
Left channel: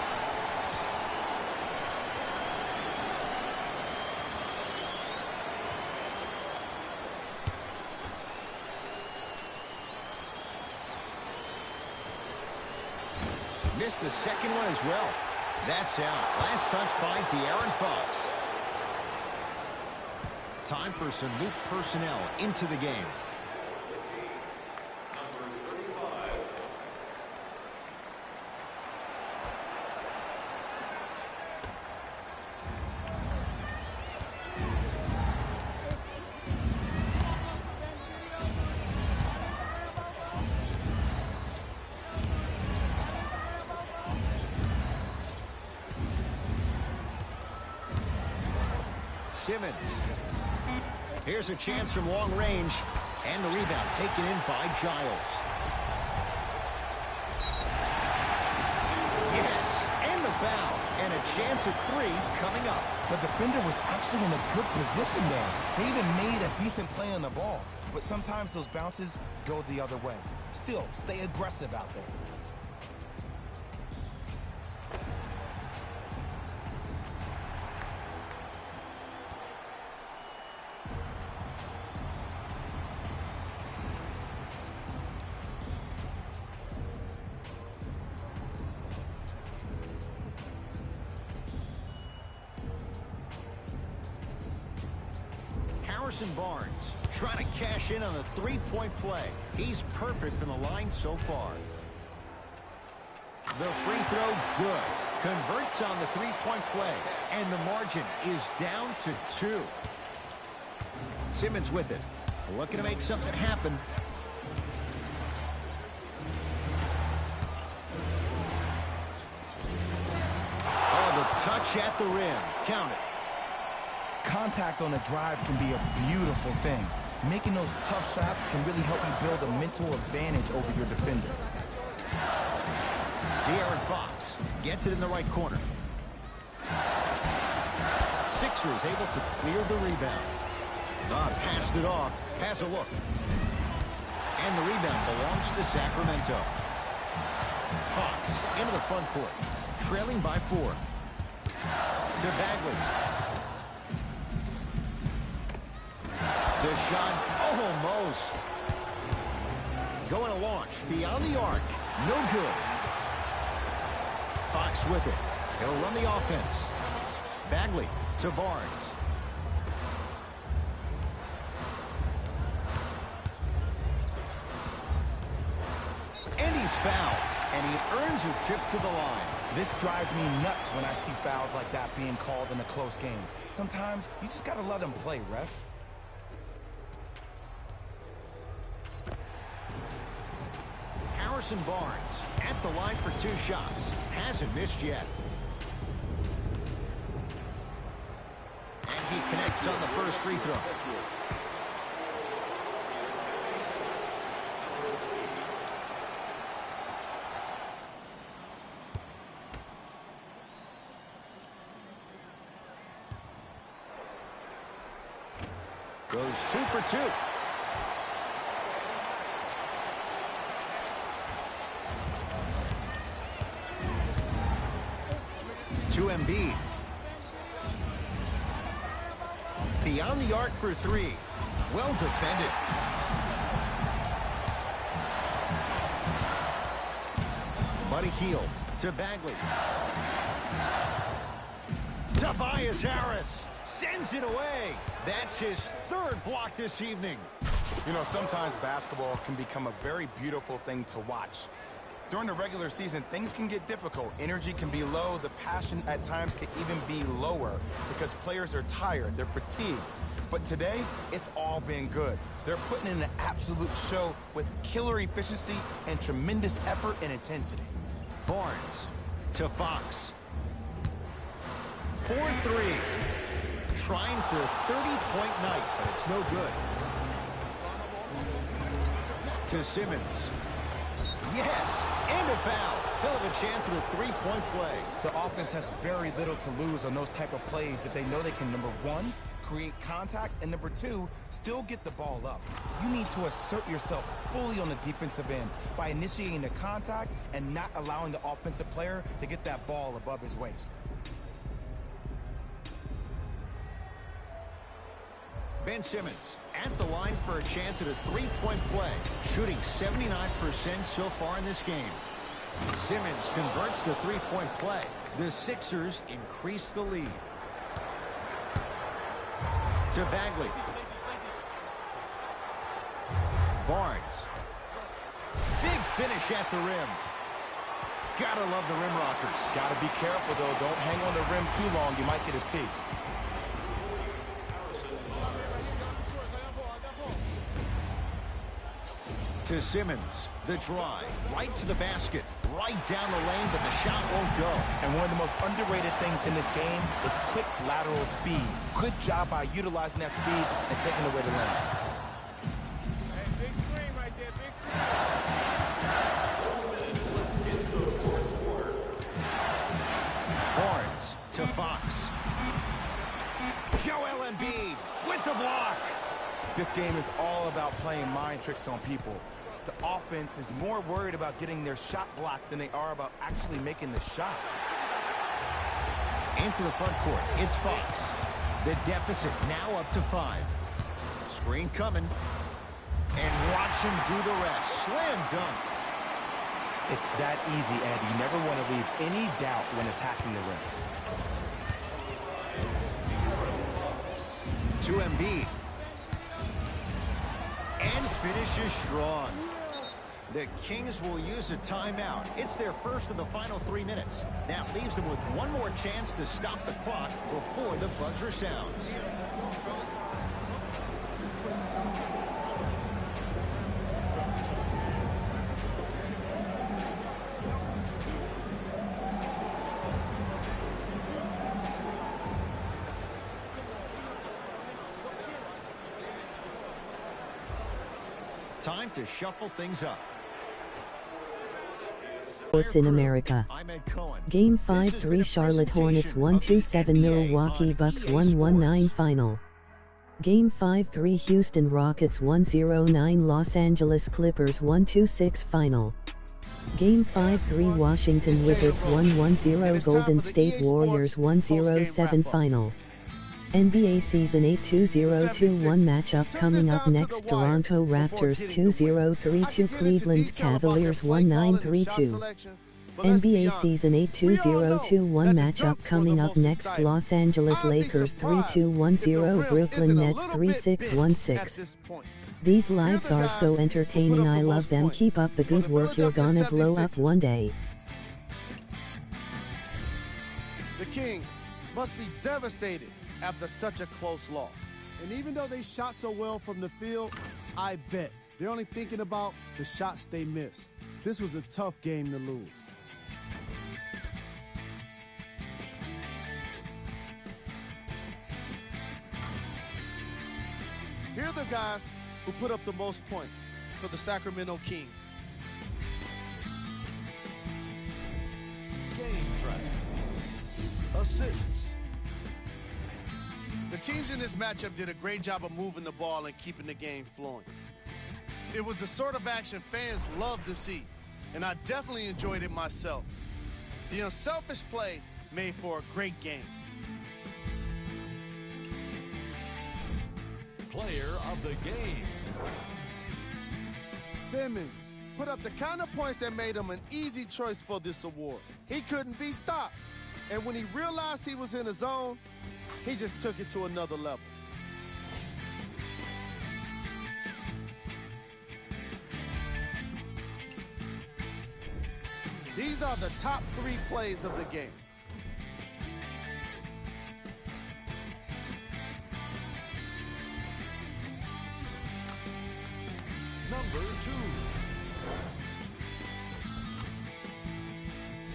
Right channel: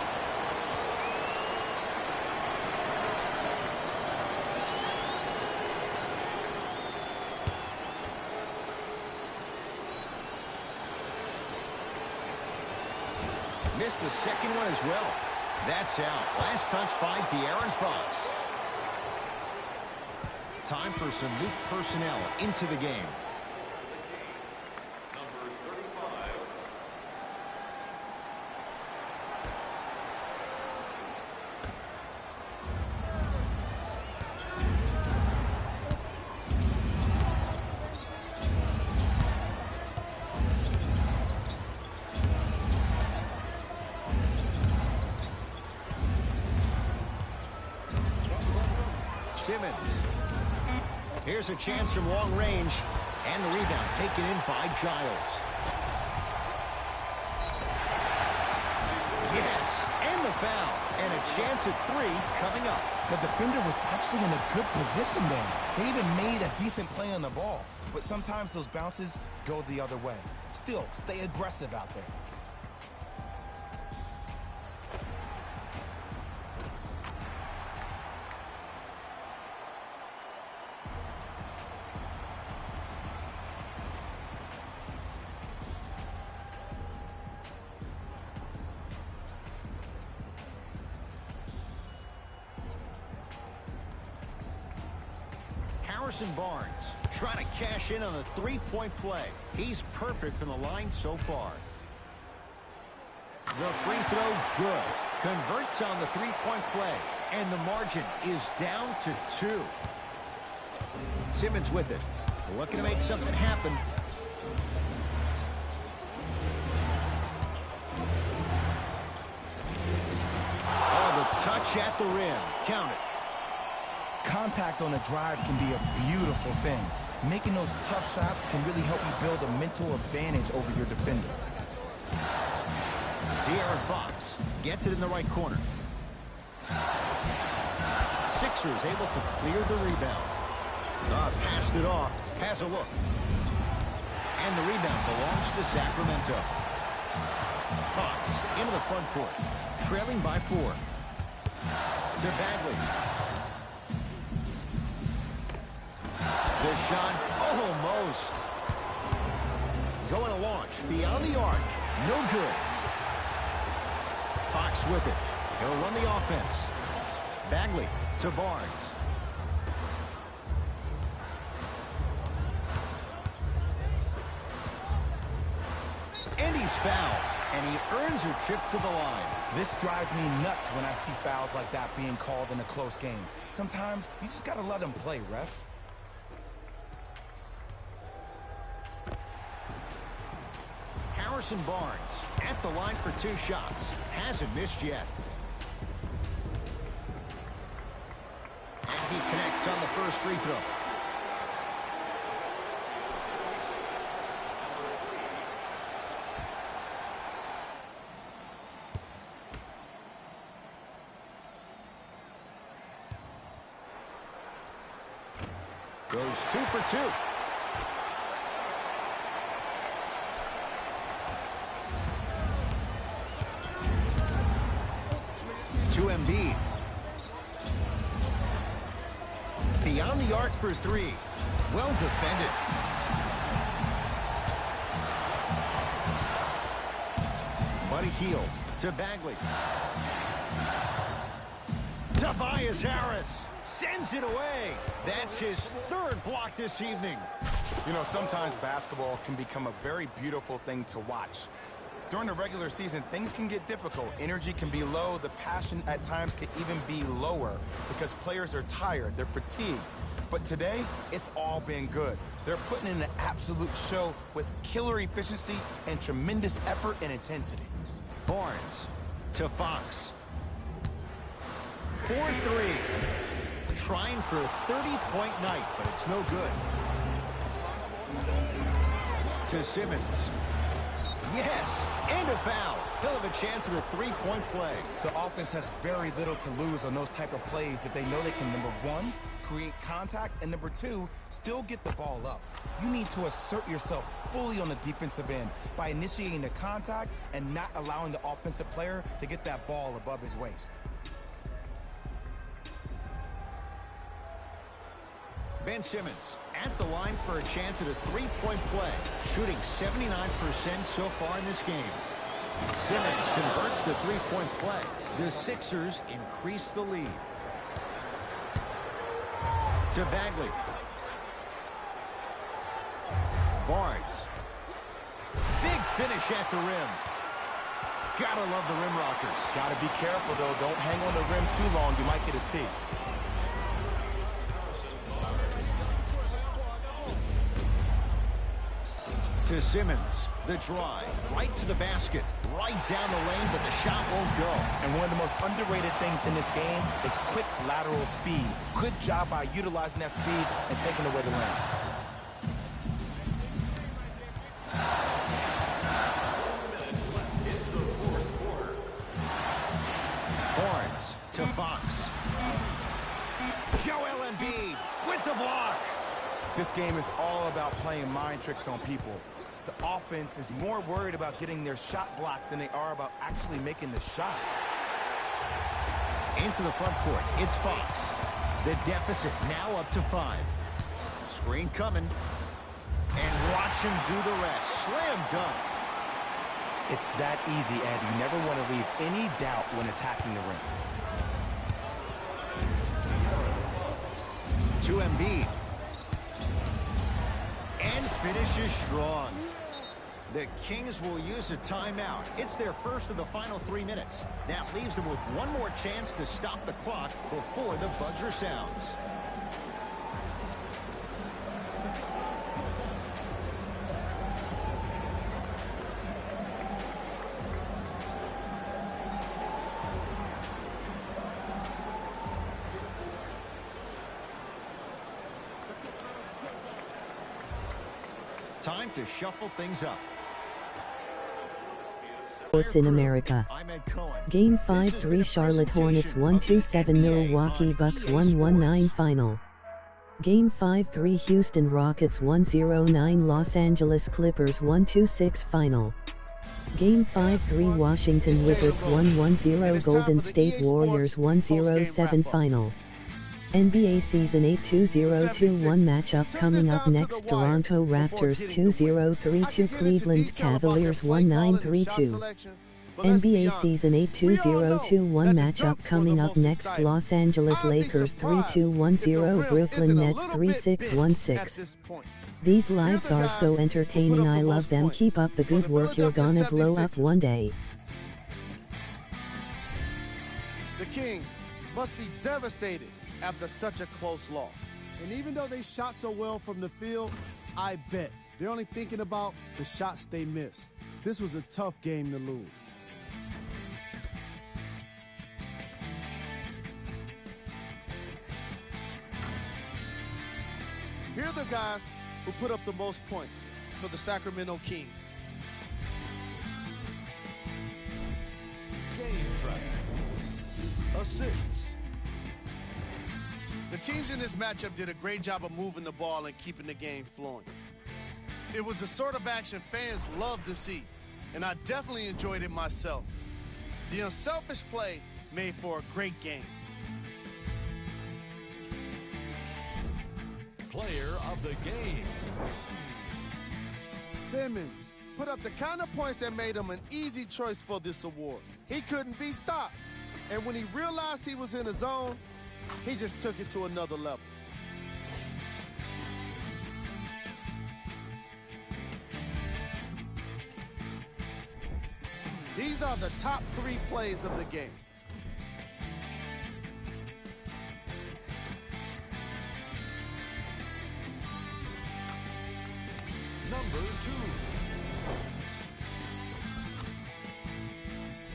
Missed the second one as well. That's out. Last touch by De'Aaron Fox. Time for some new personnel into the game. Number 35. Simmons. Here's a chance from long range. And the rebound taken in by Giles. Yes, and the foul. And a chance at 3 coming up. The defender was actually in a good position there. They even made a decent play on the ball. But sometimes those bounces go the other way. Still, stay aggressive out there. Harrison Barnes trying to cash in on a three-point play. He's perfect from the line so far. The free throw, good. Converts on the three-point play. And the margin is down to 2. Simmons with it. Looking to make something happen. Oh, the touch at the rim. Count it. Contact on the drive can be a beautiful thing. Making those tough shots can really help you build a mental advantage over your defender. De'Aaron Fox gets it in the right corner. Sixers able to clear the rebound. Passed it off. Has a look. And the rebound belongs to Sacramento. Fox into the front court. Trailing by 4. To Bagley. The shot, almost. Going to launch beyond the arc. No good. Fox with it. He'll run the offense. Bagley to Barnes. And he's fouled. And he earns a trip to the line. This drives me nuts when I see fouls like that being called in a close game. Sometimes you just got to let them play, ref. Harrison Barnes at the line for 2 shots. Hasn't missed yet. He connects on the first free throw. Goes 2 for 2. To Embiid. Beyond the arc for 3. Well defended. Buddy Hield to Bagley. Tobias Harris sends it away. That's his third block this evening. You know, sometimes basketball can become a very beautiful thing to watch. During the regular season, things can get difficult. Energy can be low. The passion at times can even be lower because players are tired. They're fatigued. But today, it's all been good. They're putting in an absolute show with killer efficiency and tremendous effort and intensity. Barnes to Fox. 4-3. Trying for a 30-point night, but it's no good. To Simmons. Yes, and a foul. He'll have a chance at a three-point play. The offense has very little to lose on those type of plays if they know they can, number one, create contact, and number two, still get the ball up. You need to assert yourself fully on the defensive end by initiating the contact and not allowing the offensive player to get that ball above his waist. Ben Simmons at the line for a chance at a three-point play, shooting 79% so far in this game. Simmons converts the three-point play. The Sixers increase the lead. To Bagley. Barnes. Big finish at the rim. Gotta love the rim rockers. Gotta be careful, though. Don't hang on the rim too long. You might get a tee. To Simmons, the drive, right to the basket, right down the lane, but the shot won't go. And one of the most underrated things in this game is quick lateral speed. Good job by utilizing that speed and taking away the lane. Big screen right there, big screen. Barnes to Fox. Joel Embiid with the block. This game is all about playing mind tricks on people. The offense is more worried about getting their shot blocked than they are about actually making the shot. Into the front court, it's Fox. The deficit now up to 5. Screen coming. And watch him do the rest. Slam dunk. It's that easy, Ed. You never want to leave any doubt when attacking the rim. To Embiid. And finishes strong. The Kings will use a timeout. It's their first of the final 3 minutes. That leaves them with one more chance to stop the clock before the buzzer sounds. Time to shuffle things up. Sports in America. Game 5-3 Charlotte Hornets 127 Milwaukee Bucks 119 Final. Game 5-3 Houston Rockets 109 Los Angeles Clippers 126 Final. Game 5-3 Washington Wizards 110 Golden State Warriors 107 Final. NBA Season 8 2021 matchup coming up next. Toronto Raptors 2032 Cleveland Cavaliers 1932. NBA Season 8 2021 matchup coming up next. Los Angeles Lakers 3210 Brooklyn Nets 3616. These lives are so entertaining. I love them. Keep up the good work. You're gonna blow up one day. The Kings must be devastated after such a close loss. And even though they shot so well from the field, I bet they're only thinking about the shots they missed. This was a tough game to lose. Here are the guys who put up the most points for the Sacramento Kings. Game track. Assists. The teams in this matchup did a great job of moving the ball and keeping the game flowing. It was the sort of action fans love to see, and I definitely enjoyed it myself. The unselfish play made for a great game. Player of the game. Simmons put up the kind of points that made him an easy choice for this award. He couldn't be stopped, and when he realized he was in the zone, he just took it to another level. These are the top 3 plays of the game. Number 2.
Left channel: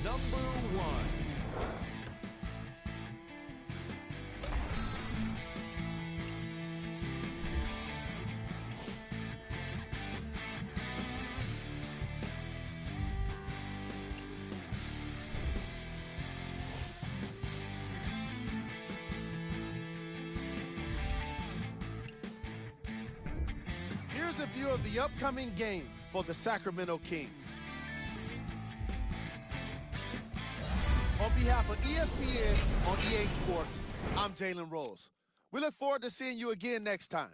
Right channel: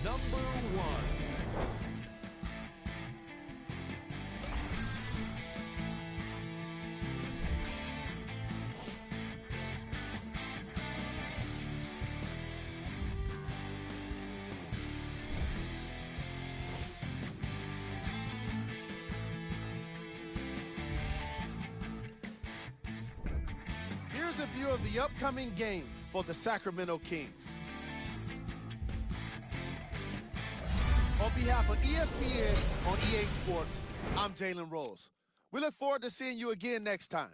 Number 1. Here's a view of the upcoming games for the Sacramento Kings. On behalf of ESPN on EA Sports, I'm Jalen Rose. We look forward to seeing you again next time.